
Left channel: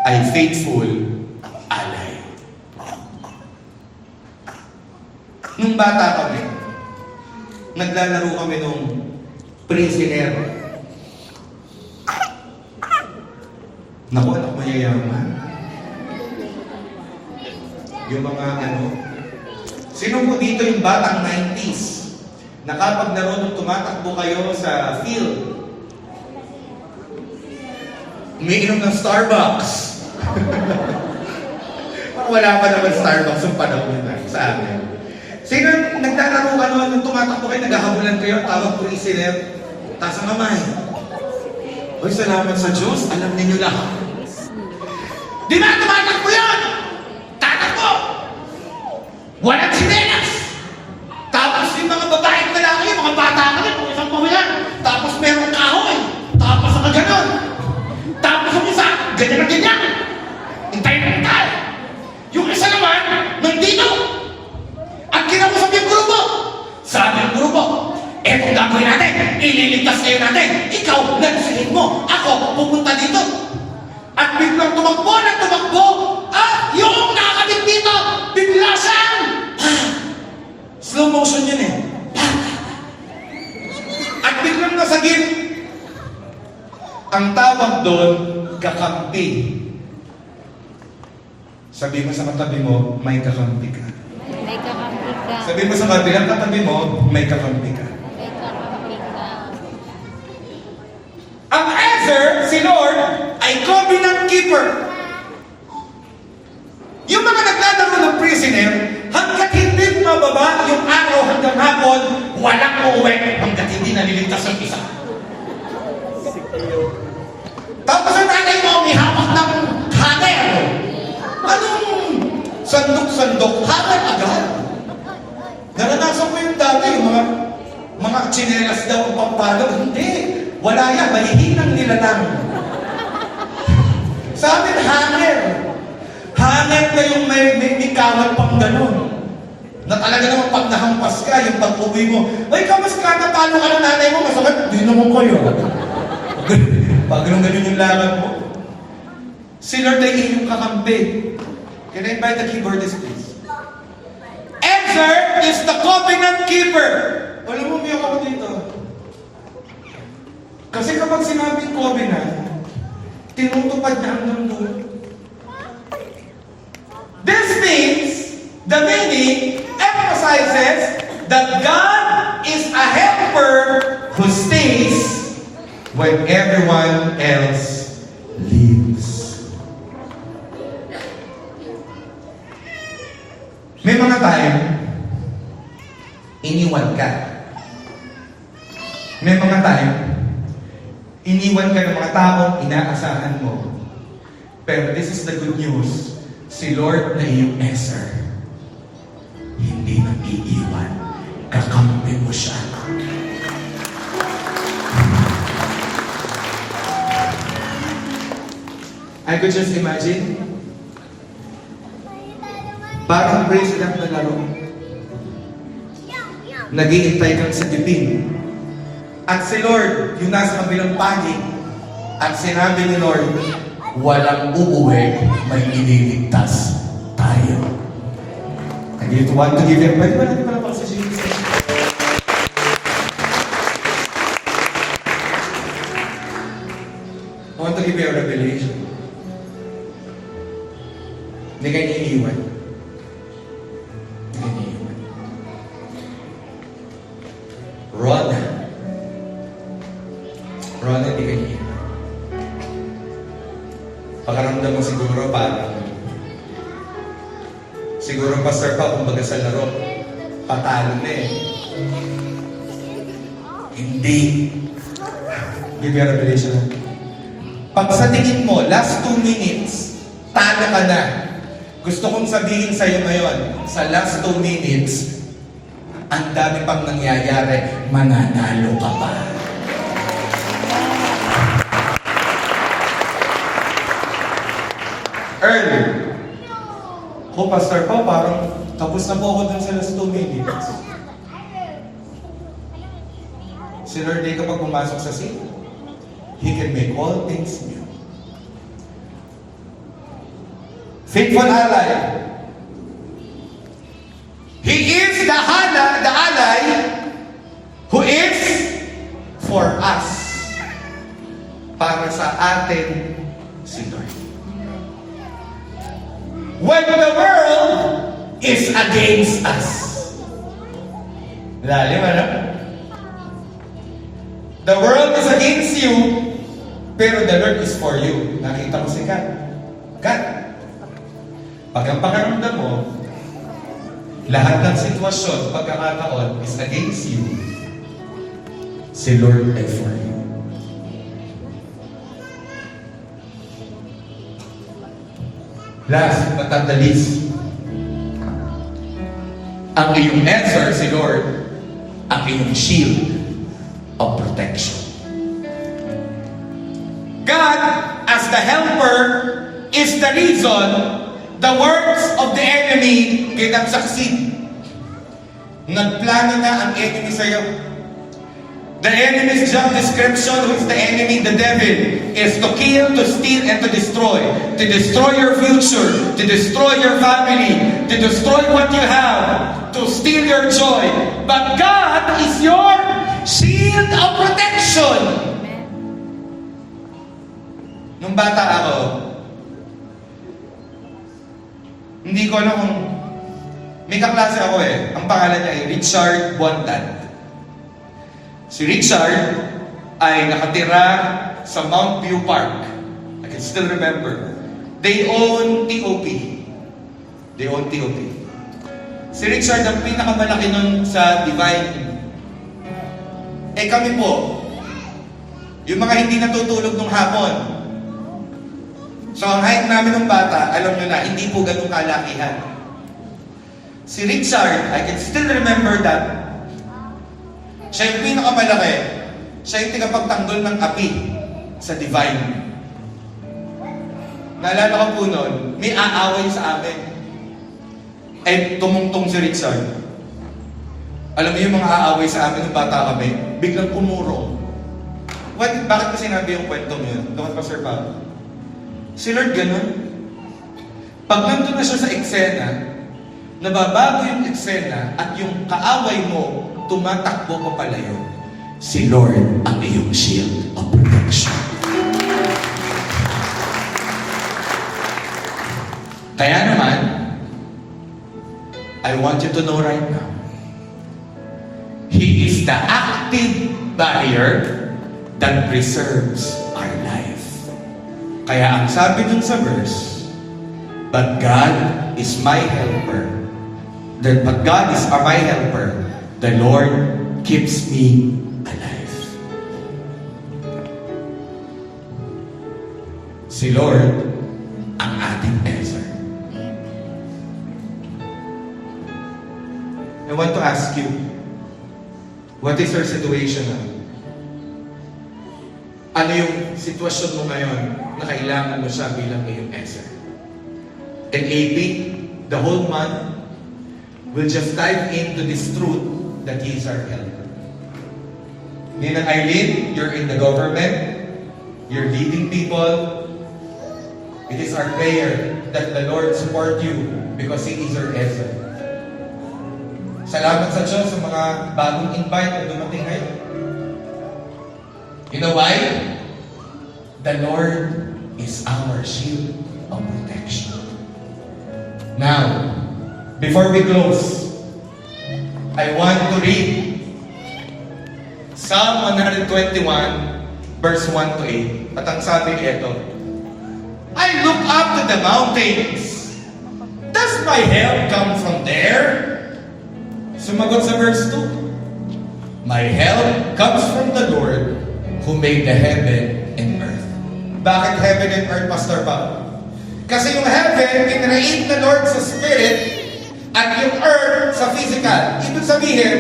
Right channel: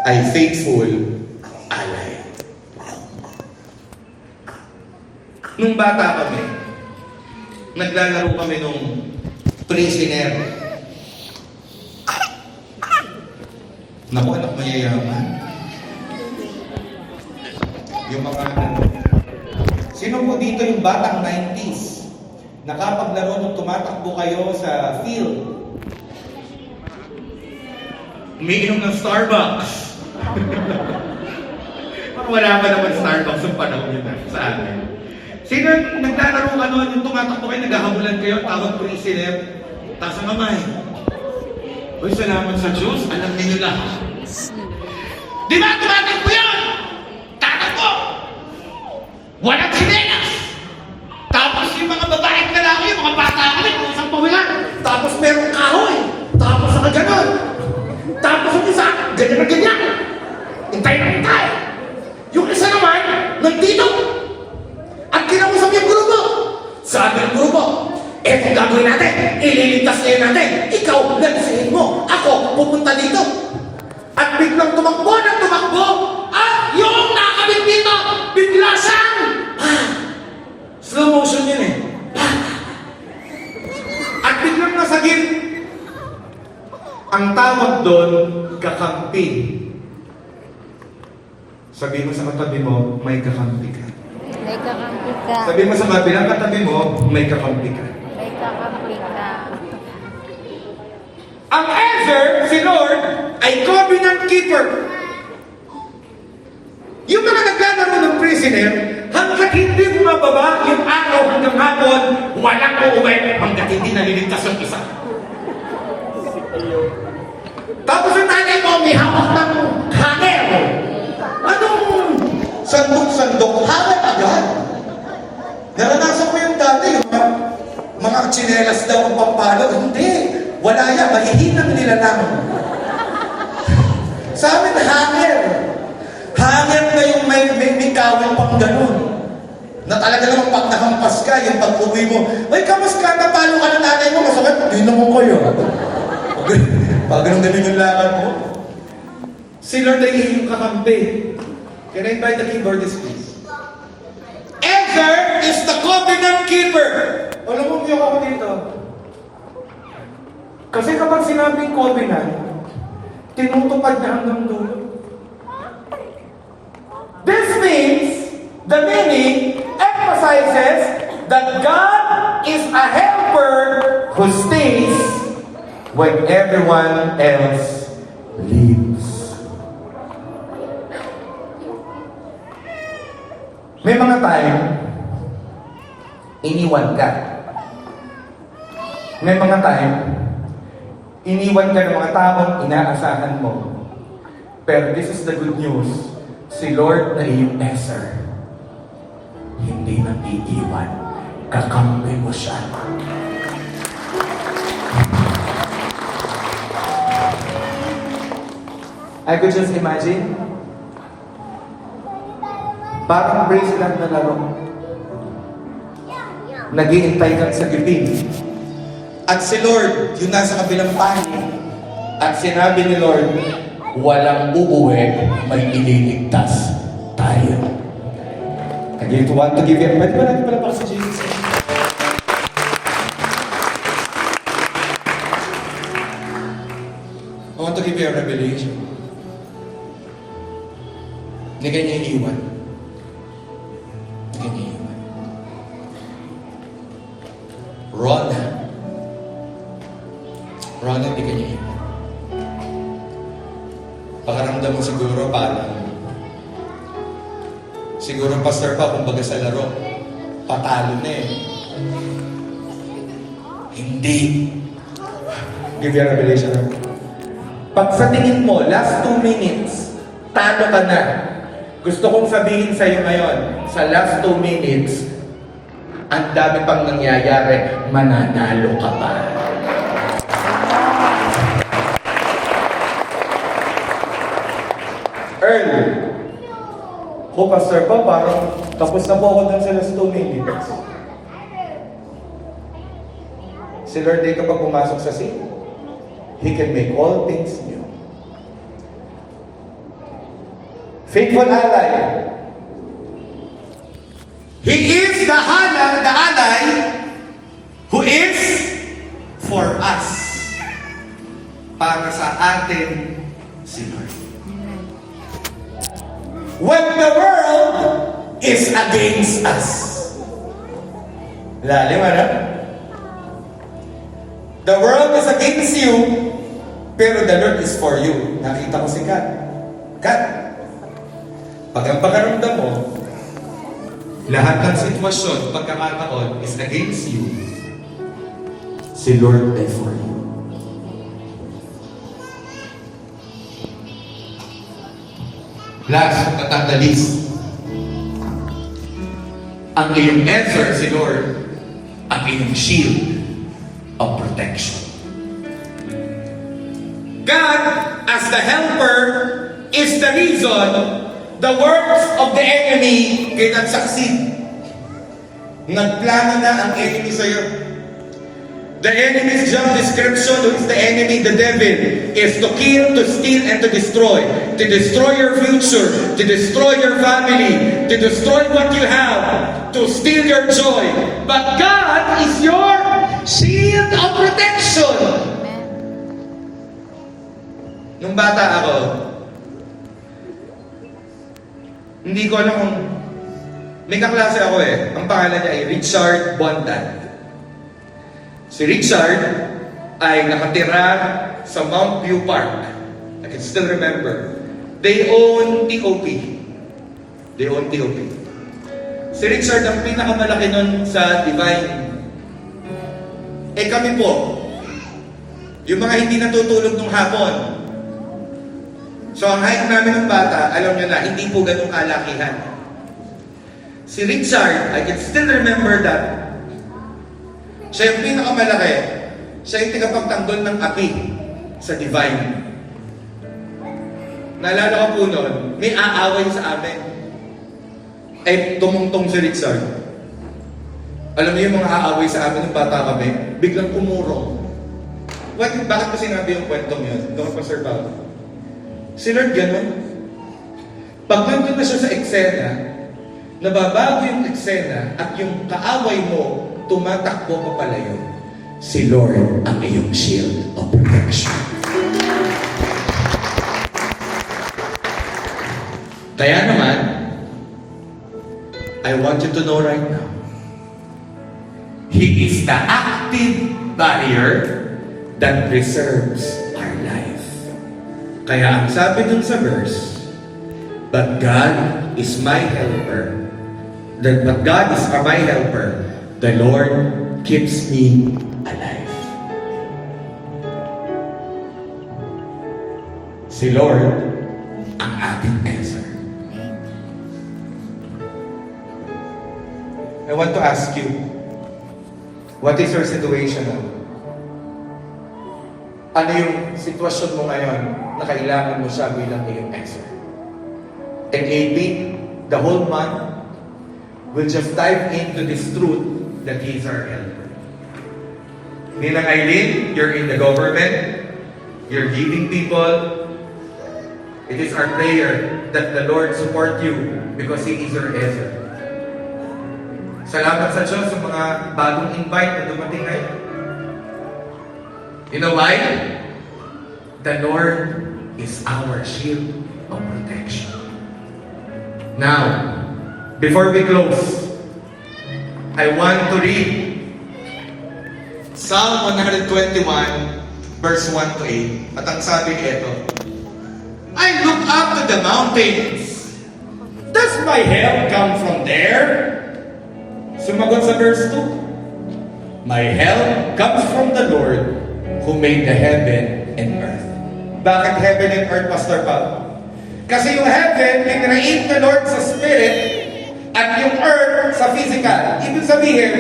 ay faithful ally. Nung bata kami, naglalaro kami nung prisoner. Naku, anak mayayaman. Yung mga sino po dito yung batang 90s na kapag naroon tumatakbo kayo sa field, umiinom ng Starbucks. Parang wala pa naman Starbucks yung panahon yun sa amin. Sino naglalaro ka noon, yung tumatakbo kayo, naghahabulan kayo, tawag prisoner, taas ang kamay. Uy, salamat sa Diyos, alam ninyo lahat. Di ba tumatakbo yun? Tatakbo! Walang sinelas! Tapos yung mga babaeng lalaki, mga bata ka rin, kung isang pamayan. Tapos merong kahoy. Tapos ang gano'n. Tapos yung isa, ganyan na ganyan. Intay na intay. Yung isa naman, nandito. At kinausap yung grupo. Sabi ng grupo, kung gagawin natin, ililigtas kayo natin. Ikaw, nagusihin mo. Ako, pupunta dito. At biglang tumakbo ng tumakbo. At yung nakakabit dito, bigla siyang slow motion yun eh. At biglang nasagip. Ang tawag doon, kakampi. Sabi mo sa katabi mo, may kakampi ka. May kakampi ka. Sabi mo sa kabilang katabi mo, may kakampi ka. May kakampi ka. Ang answer, si Lord, ay covenant keeper. Yung mga naglalaro ng prisoner, hanggat hindi mababa yung araw hanggang hapon, walang uuwi hanggat hindi naliligtas yung isa. Tapos ang tatay mo, may hawak ng hammer. Anong sandok-sandok? Hammer agad. Naranasan ko yung dati, yung mga tsinelas daw ang pampalo. Hindi. Wala yan. Mahihinang nila lang. Sa amin, hammer. Hammer na yung may kawal pang ganun. Na talaga naman pag nahampas ka, yung pag-uwi mo, may kamas ka na paano ka ng nanay mo, masakit, hindi naman kayo. Pag ganun yung lakad mo. Si Lord ay iyong kakampi. Can I invite the keyboardist, please? Answer is the covenant keeper. Alam mo, umiyak ako dito. Kasi kapag sinabing covenant, tinutupad niya hanggang doon. This means, the meaning emphasizes that God is a helper who stays when everyone else leaves. May mga time, iniwan ka. May mga time, iniwan ka ng mga taong inaasahan mo. Pero this is the good news. Si Lord na iyong answer, hindi na iiwan. Kakampi mo siya. I could just imagine, parang president na laro. Naghihintay kang sa giping. At si Lord, yung nasa kabilang panig, at sinabi ni Lord, walang uuwi, may ililigtas tayo. I just want to give you, pwede ba natin pala sa Jesus? I want to give you a revelation. Hindi kayo naiiwan. Hindi kayo naiiwan. Rona, hindi kayo naiiwan. Pakaramdam mo siguro parang siguro pastor pa kumbaga sa laro patalo na eh. Hindi. Give you a revelation. Pag sa tingin mo, last 2 minutes, talo ka na. Gusto kong sabihin sa iyo ngayon, sa last 2 minutes, ang dami pang nangyayari, mananalo ka pa. Earlier, ko Pastor po, parang tapos na po ako dun sa last 2 minutes. Si Lord ay kapag pumasok sa scene, He can make all things new. Faithful ally. He is the ally who is for us. Para sa atin si Lord. When the world is against us. Lalim, ano? The world is against you, pero the Lord is for you. Nakita ko si Kat. Kat, pag ang pakaramdam mo, lahat ng sitwasyon, pagkakataon is against you, si Lord ay for you. Last but not the least, ang iyong answer si Lord, ang iyong shield of protection. God, as the helper, is the reason the works of the enemy cannot succeed. Nagplano na ang enemy sa'yo. The enemy's job description, who is the enemy, the devil, is to kill, to steal, and to destroy. To destroy your future, to destroy your family, to destroy what you have, to steal your joy. But God is your shield of protection. Nung bata ako, hindi ko alam kung may kaklase ako eh. Ang pangalan niya ay Richard Bondan. Si Richard ay nakatira sa Mount View Park. I can still remember. They own TOP. Si Richard ang pinakamalaki nun sa Divine. Eh kami po, yung mga hindi natutulog nung hapon. So ang height namin ng bata, alam nyo na, hindi po ganun kalakihan. Si Richard, I can still remember that. Siya yung pinakamalaki. Siya yung tigapagtanggol ng api sa Divine. Naalala ko po noon, may aaway sa amin. Ay tumungtong si Richard. Alam niyo yung mga aaway sa amin ng bata kami, biglang umurong. Bakit ba sinabi yung kwentong yun? Doon pa Sir Pablo. Si Lord ganun. Pag nandun na siya sa eksena, nababago yung eksena at yung kaaway mo, tumatakbo pa palayo. Si Lord ang iyong shield of protection. Kaya naman, I want you to know right now, He is the active barrier that preserves our life. Kaya ang sabi dun sa verse, but God is my helper. But God is my helper. The Lord keeps me alive. Si Lord ang ating answer. I want to ask you, what is your situation now? Ano yung sitwasyon mo ngayon na kailangan mo siya bilang iyong answer? And 18, the whole month, we'll just dive into this truth that He is our helper. Ninang Eileen, you're in the government, you're leading people. It is our prayer that the Lord support you because He is your answer. Salamat sa Diyos sa mga bagong invite na dumating ngayon. You know why? The Lord is our shield of protection. Now, before we close, I want to read Psalm 121, verse 1 to 8. At ang sabi ito, I look up to the mountains. Does my help come from there? Sumagot sa verse 2. My help comes from the Lord who made the heaven and earth. Bakit heaven and earth, Pastor Pao? Kasi yung heaven, kinreate the Lord sa spirit, at yung earth sa physical. Ibig sabihin,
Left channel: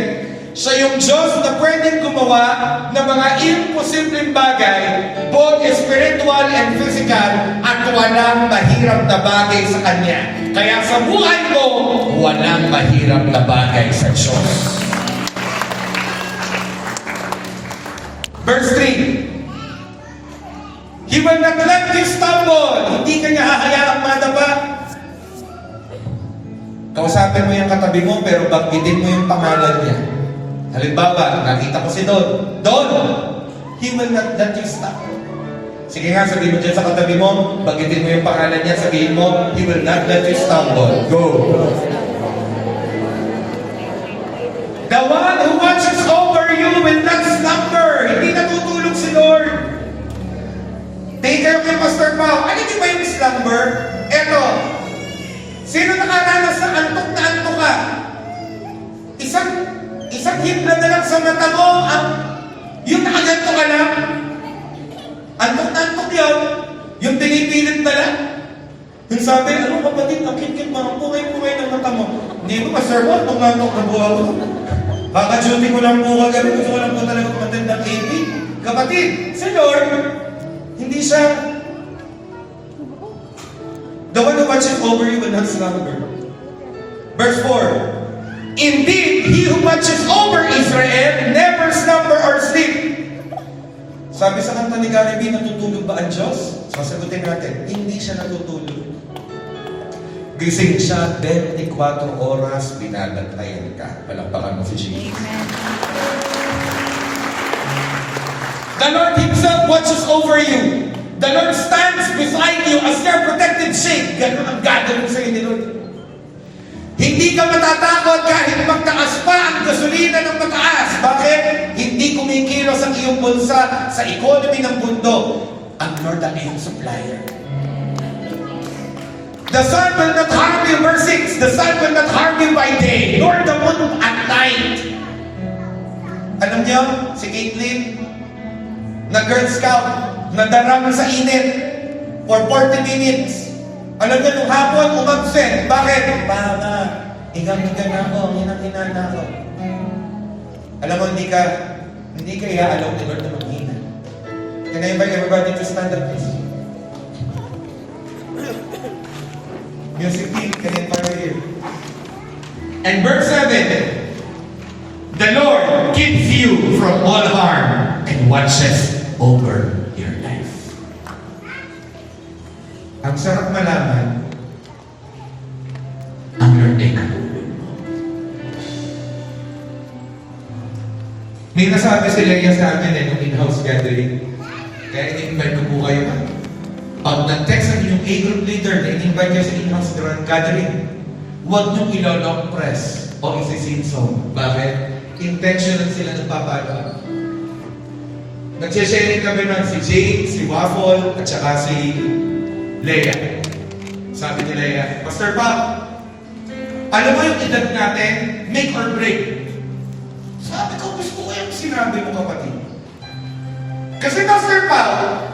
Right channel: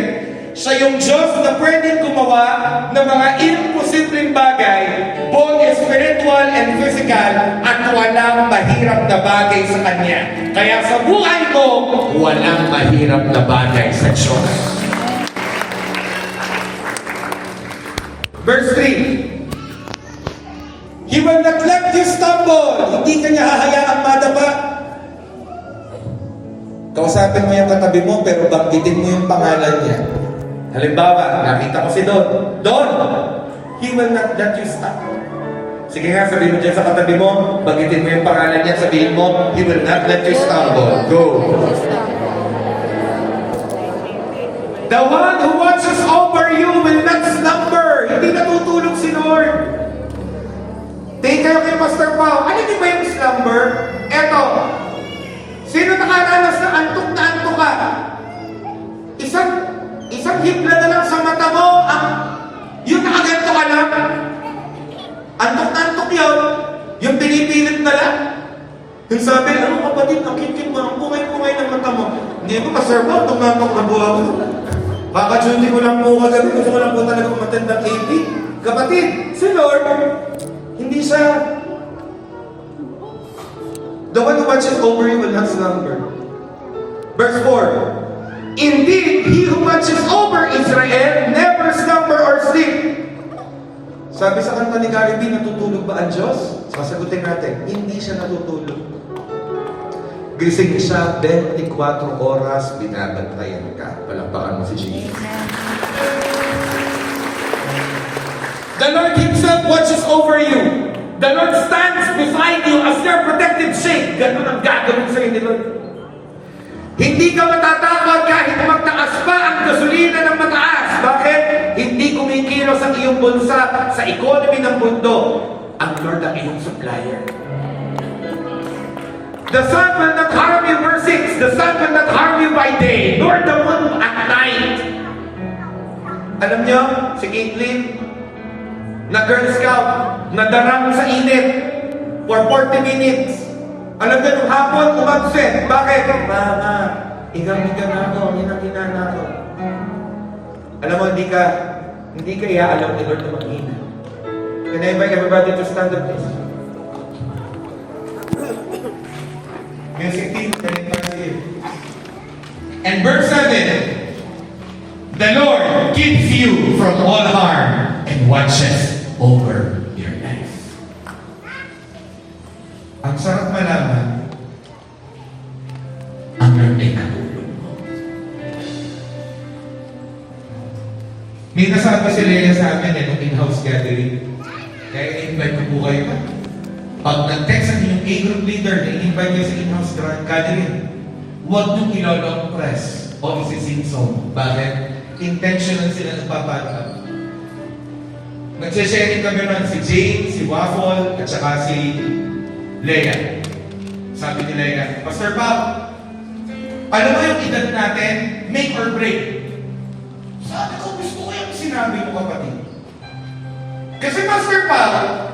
siya yung Diyos na pwedeng gumawa ng mga imposibleng bagay, both spiritual and physical, at walang mahirap na bagay sa Kanya. Kaya sa buhay mo, walang mahirap na bagay sa Diyos. Verse 3. He will not let you stumble. Hindi ka niya hahayaang madapa. Kausapin mo yung katabi mo, pero banggitin mo yung pangalan niya. Halimbawa, nakita ko si Don. Don! He will not let you stumble. Sige nga, sabihin mo dyan sa katabi mo, banggitin mo yung pangalan niya, sabihin mo, He will not let you stumble. Go! The one who watches over you will not slumber. Hindi natutulog si Lord. Tingin kayo kay Pastor Pao, ano di ba yung slumber? Eto, sino nakaranas na antok na antok ka? Isang hibla na lang sa mata mo, yung nakaganto ka lang. Antok na antok yun, yung pinipilit na lang. Yung sabi, ano kapatid, nakikit mo, ang pungay-pungay ng mata mo. Hindi ko, Pastor Pao, tumatok na buha ko. Kaka-duty ko lang po kagabi, gusto ko lang po talaga umatend ng AP. Kapatid, si Lord, hindi siya. The one who watches over you will not slumber. Verse 4. Indeed, he who watches over Israel never slumber or sleep. Sabi sa kanta ni Gary B, natutulog ba ang Diyos? Sasagutin natin, hindi siya natutulog. Gising siya 24 oras, binabantayan ka. Palampakan mo si Jesus. Amen. The Lord Himself watches over you. The Lord stands beside you as your protective shade. Ganun ang gagawin sa inyo, Lord. Hindi ka matatakot kahit magtaas pa ang gasolina ng mataas. Bakit? Hindi kumikilos ang iyong bulsa sa economy ng mundo. Ang Lord ang iyong supplier. The sun will not harm you, verse 6. The sun will not harm you by day, nor the moon at night. Alam niyo, si Caitlyn, na Girl Scout, nadarang sa init for 40 minutes. Alam niyo, nung hapon, umabsent. Bakit? Tama. Igang-iga na ako, hinang-hina na ako. Alam mo, hindi ka iaalam ni Lord na mag-hina. Can I invite everybody to stand up, please? Music team, can I invite you? And verse 7, the Lord keeps you from all harm and watches over your life. Ang sarap malaman, ang Lord ay katulog mo. May nasabi si Leia sa amin nung in-house gathering. Kaya in-invite ko po kayo. Pag nag-text ang yung A-group leader na in-invite kayo sa in-house gathering, huwag niyong ilolong press o isi-sing song. Bakit? Intentional sila nagpapagawa. Nagsisharing kami ng si Jane, si Waffle, at saka si Leia. Sabi ni Leia, Pastor Pao, alam mo yung edad natin, make or break. Sabi ko, gusto ko yung sinabi mo, kapatid. Kasi Pastor Pao,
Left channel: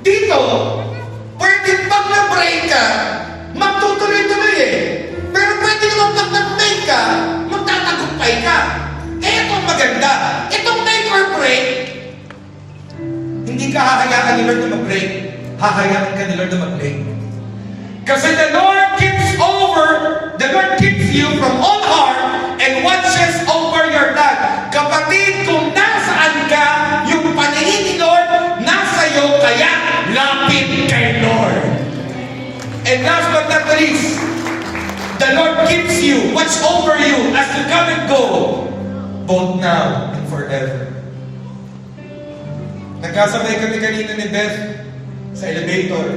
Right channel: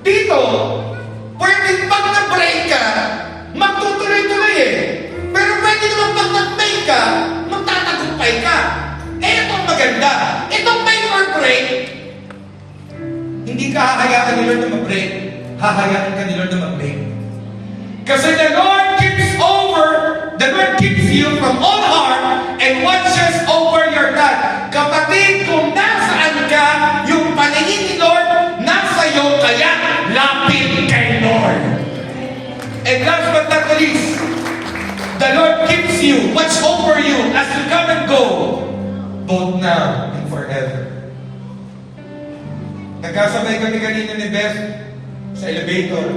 dito, pwede pag na-break ka, magtutuloy-tuloy eh. Pero pwede naman pag nag-break ka, magtatagumpay ka. Eh, itong maganda. Itong make or break, hindi ka hahayaan ni Lord na mag-break. Hahayaan ka ni Lord na mag-break. Kasi the Lord keeps you from all harm and watches over your life. Kapatid, kung nasaan ka, yung paningin ni Lord, nasa iyo, kaya lapit kay Lord. And last but not least, the Lord keeps you, watch over you as you come and go, both now and forever. Nagkasabay kami kanina ni Beth sa elevator.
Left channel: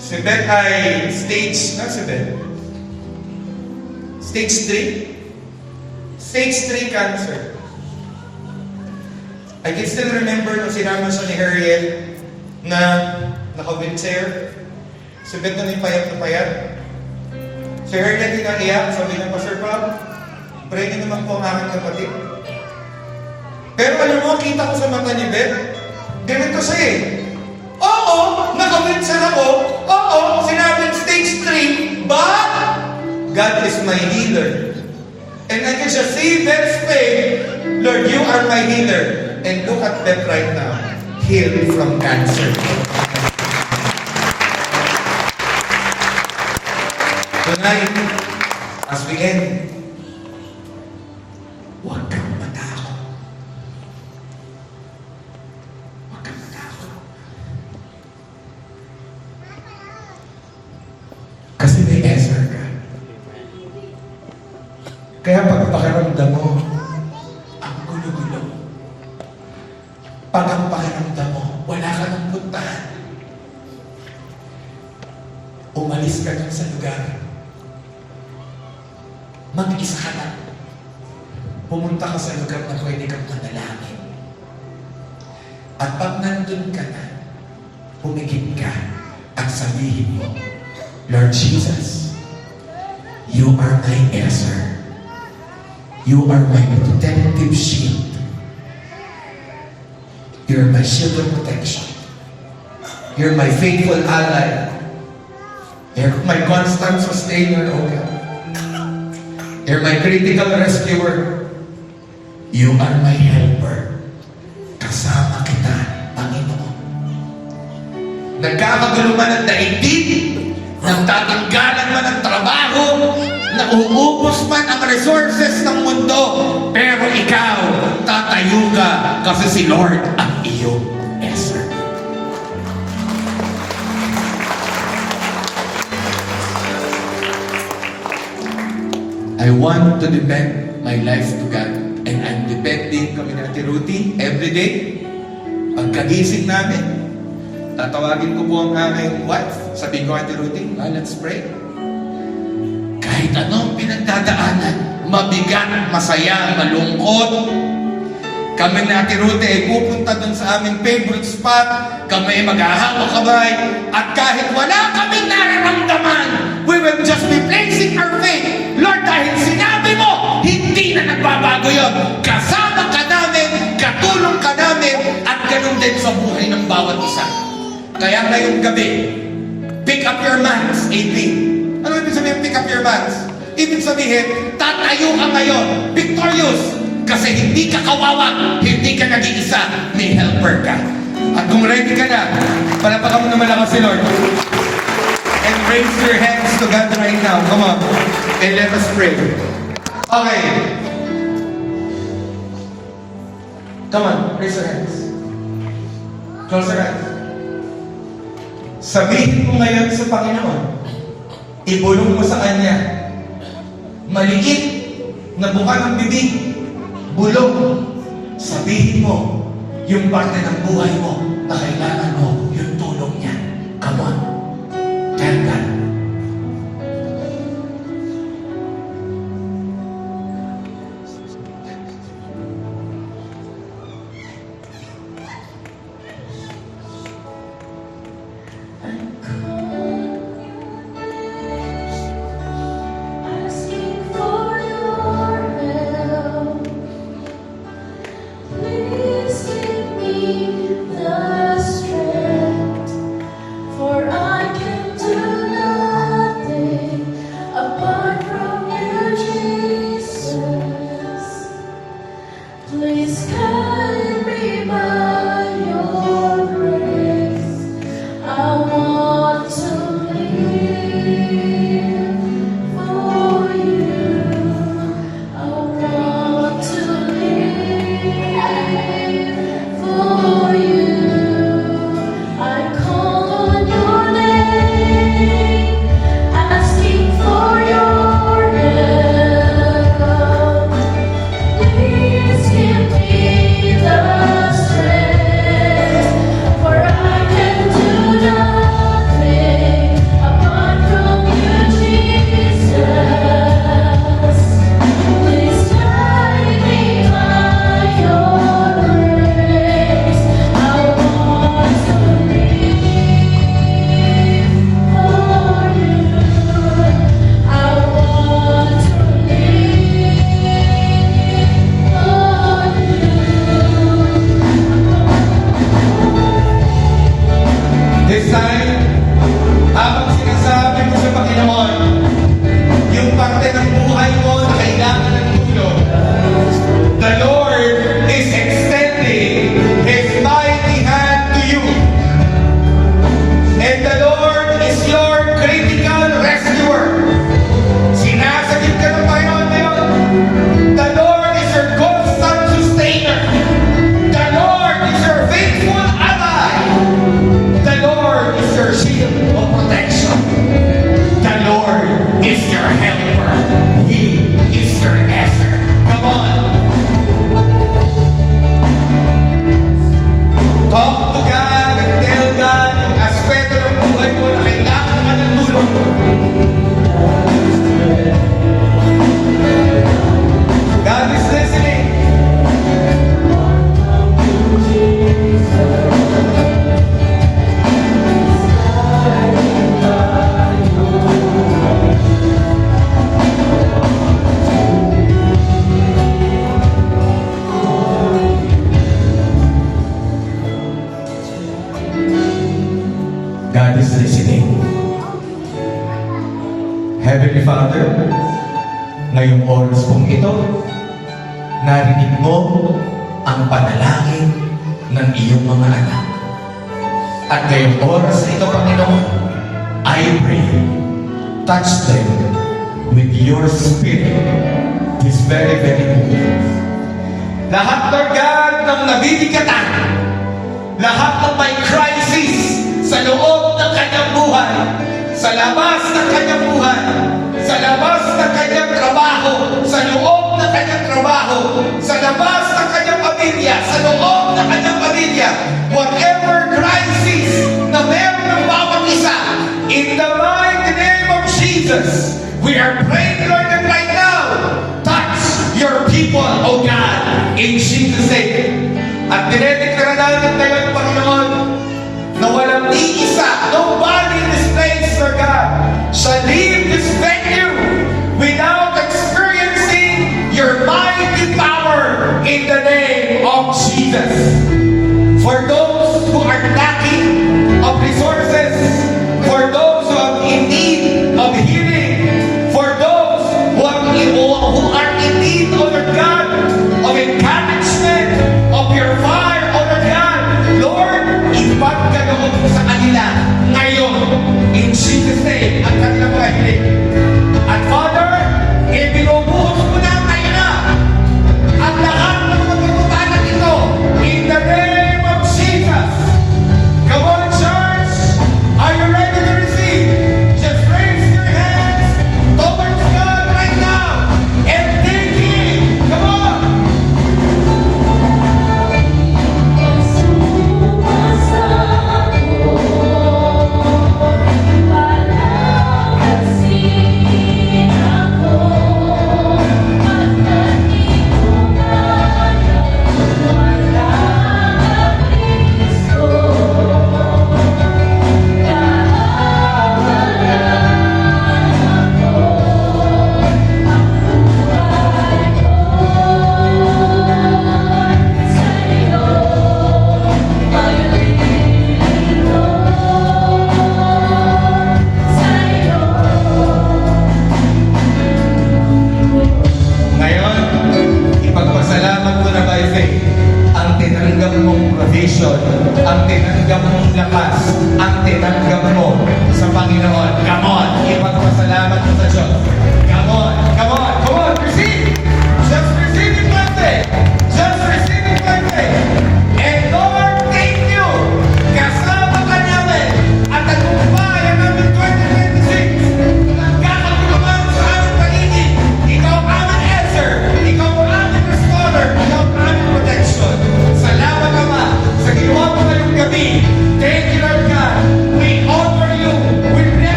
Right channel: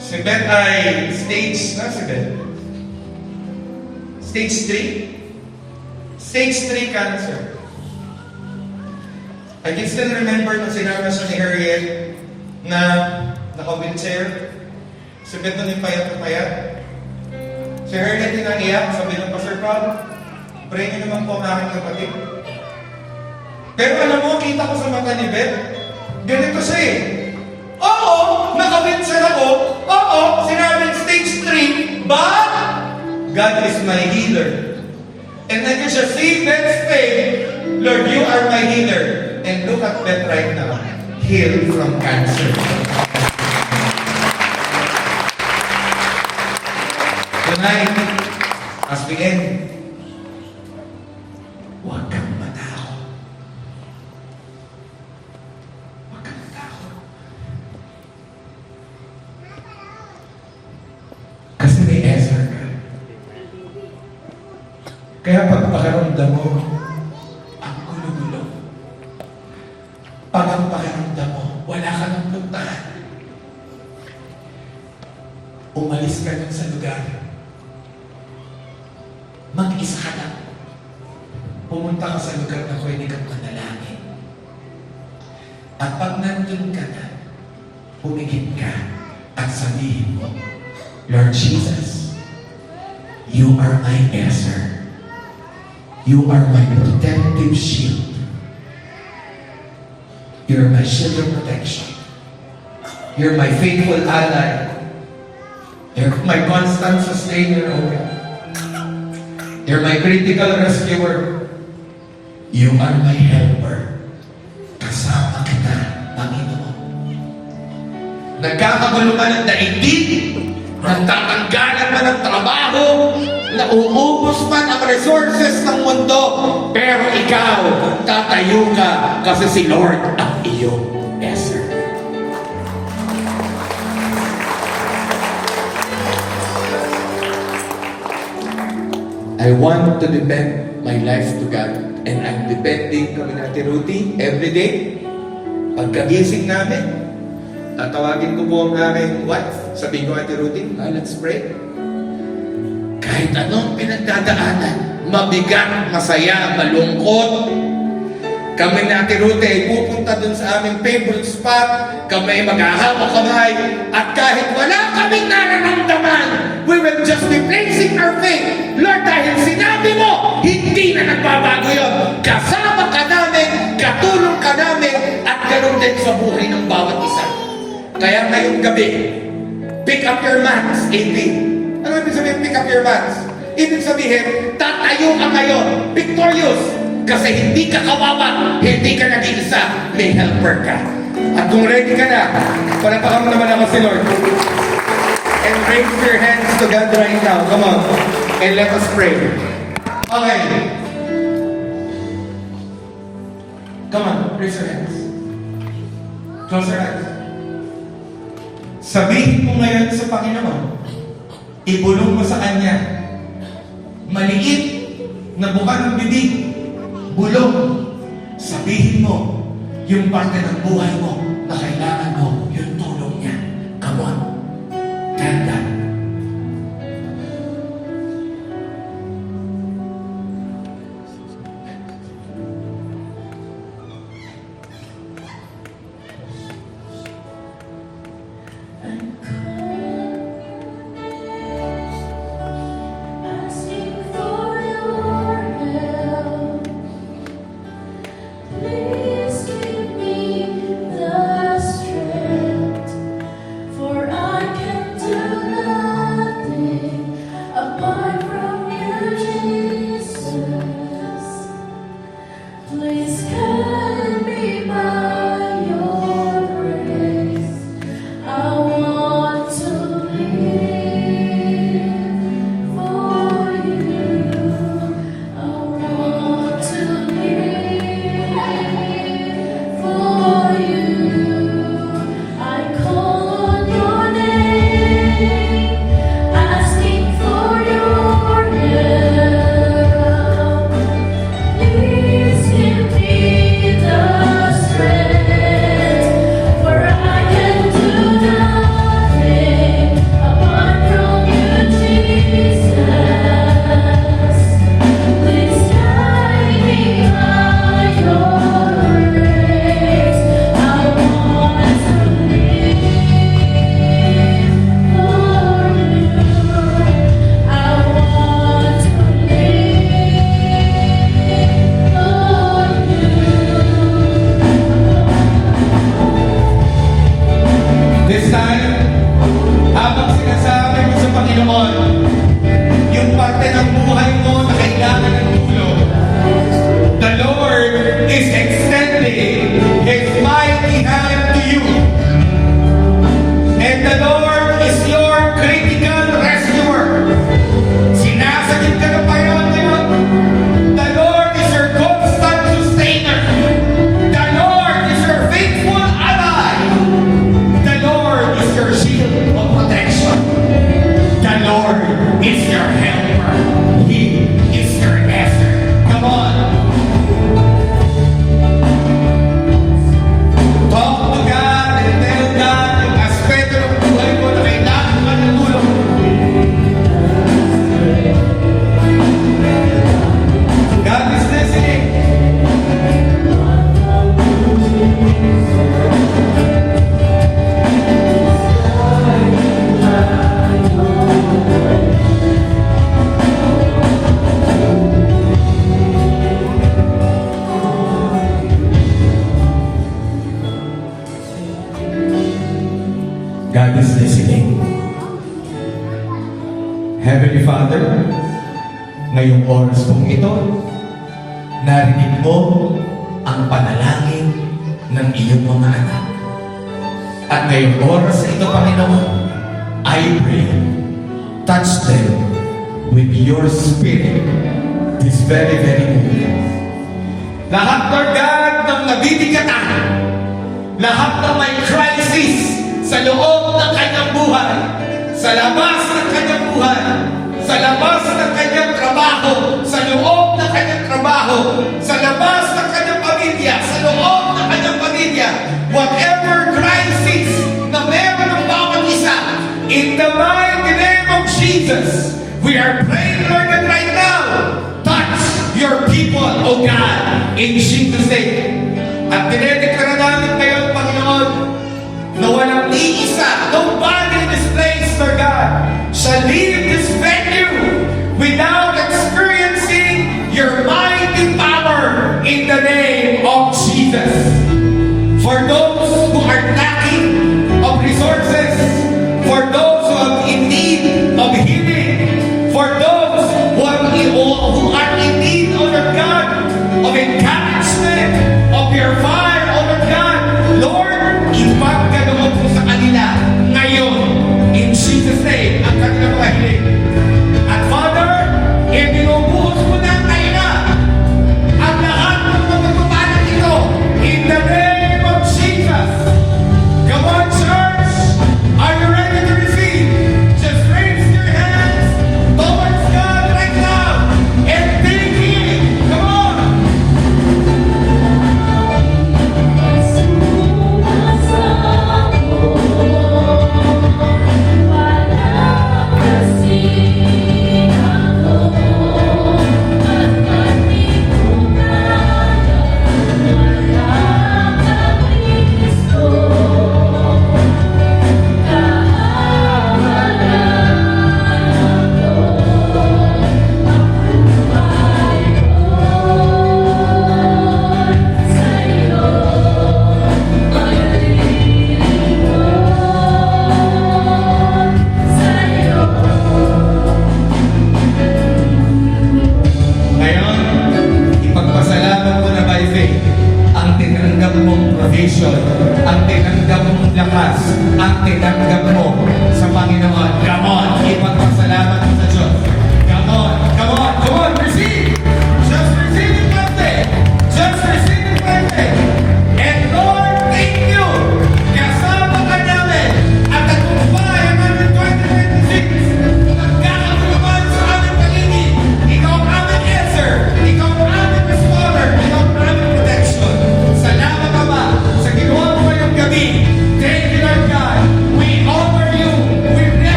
Si Beth ay stage 3? Stage 3 cancer. I can still remember nung sinama siya ni Harriet na naka-wheelchair. Si Beth na payat na payat. Si Harriet yung naiyak, sabi ng Pastor Pao, pray niyo naman po ang aking kapatid. Pero alam mo, kita ko sa mata ni Beth, ganito siya eh. Oo, naka-wheelchair ako. Oo, sinabing stage 3, but God is my healer. And I can just say that faith, Lord, you are my healer. And look at that right now. Healed from cancer. Tonight, as we end, huwag kang matakot. Huwag kang matakot. Kasi may Ezra ka. Kaya pag pakiramdam mo, ang gulo-gulo. Pag ang pakiramdam mo, wala ka ng puntahan. Umalis ka lang sa lugar. Mag-isa ka lang. Pumunta ka sa lugar na pwede kang manalangin. At pag nandun ka na, humigit ka at sabihin mo, Lord Jesus, you are my answer. You are my protective shield. You're my shield of protection. You're my faithful ally. You're my constant sustainer, O God. You're my critical rescuer. You are my helper. Kasama kita, Panginoon. Nagkakagulo man ang daigdig, nagtatanggalan man ang trabaho, nauubos man ang resources ng mundo, pero ikaw, tatayo ka kasi si Lord ang iyong answer. I want to depend my life to God. And I'm depending kami na Ate Ruthie every day. Pagkagising namin, tatawagin ko po ang aking wife. Sabihin ko, Ate Ruthie, let's pray. Kahit anong pinagdadaanan, mabigat, masaya, malungkot, kami na Ate Ruthie ay pupunta dun sa aming favorite spot, kami maghahawak kamay, at kahit wala kaming nararamdaman, we will just be placing our faith. Lord, dahil sinabi mo, hindi na nagbabago yun. Kasama ka namin, katulong ka namin, at ganun din sa buhay ng bawat isa. Kaya ngayong gabi, pick up your mats, AP. Ano ibig sabihin, pick up your mats? Ibig sabihin, tatayo ka ngayon, victorious. Kasi hindi ka kawawa, hindi ka nag-iisa, may helper ka. At kung ready ka na, palapakan mo naman ako si Lord. And raise your hands to God right now. Come on. And let us pray. Okay. Come on, raise your hands. Close your eyes. Sabihin mo ngayon sa Panginoon, ibulong mo sa Kanya, maliit na buka ng bibig, bulong, sabihin mo yung parte ng buhay mo na kailangan mo yung tulong niya. Come on. Tell God. Asking for your help, please give me the strength, for I can do nothing apart from you, Jesus. Please guide me by your grace. I want to live for you. I want to live for you. I call on your name, asking for your help. Please give me ngayong oras pong ito, narinig mo ang panalangin ng iyong mga anak. At ngayong oras na ito, Panginoon, I pray, touch them with your spirit this very, very moment. Lahat, Lord God, ng nabibigatan, lahat ng may crisis sa loob ng kanyang buhay, sa labas ng kanyang buhay, sa labas ng kanyang trabaho, sa loob ng kanyang trabaho, sa labas ng kanyang pamilya, sa loob ng kanyang pamilya, whatever crisis na meron ng bawat isa, in the mighty name of Jesus, we are praying, Lord, that right now, touch your people, O God, in Jesus' name. At dinedeklara namin ngayon, Panginoon, na walang iisa, nobody in this place, Lord God, shall leave this venue without experiencing your mighty power in the name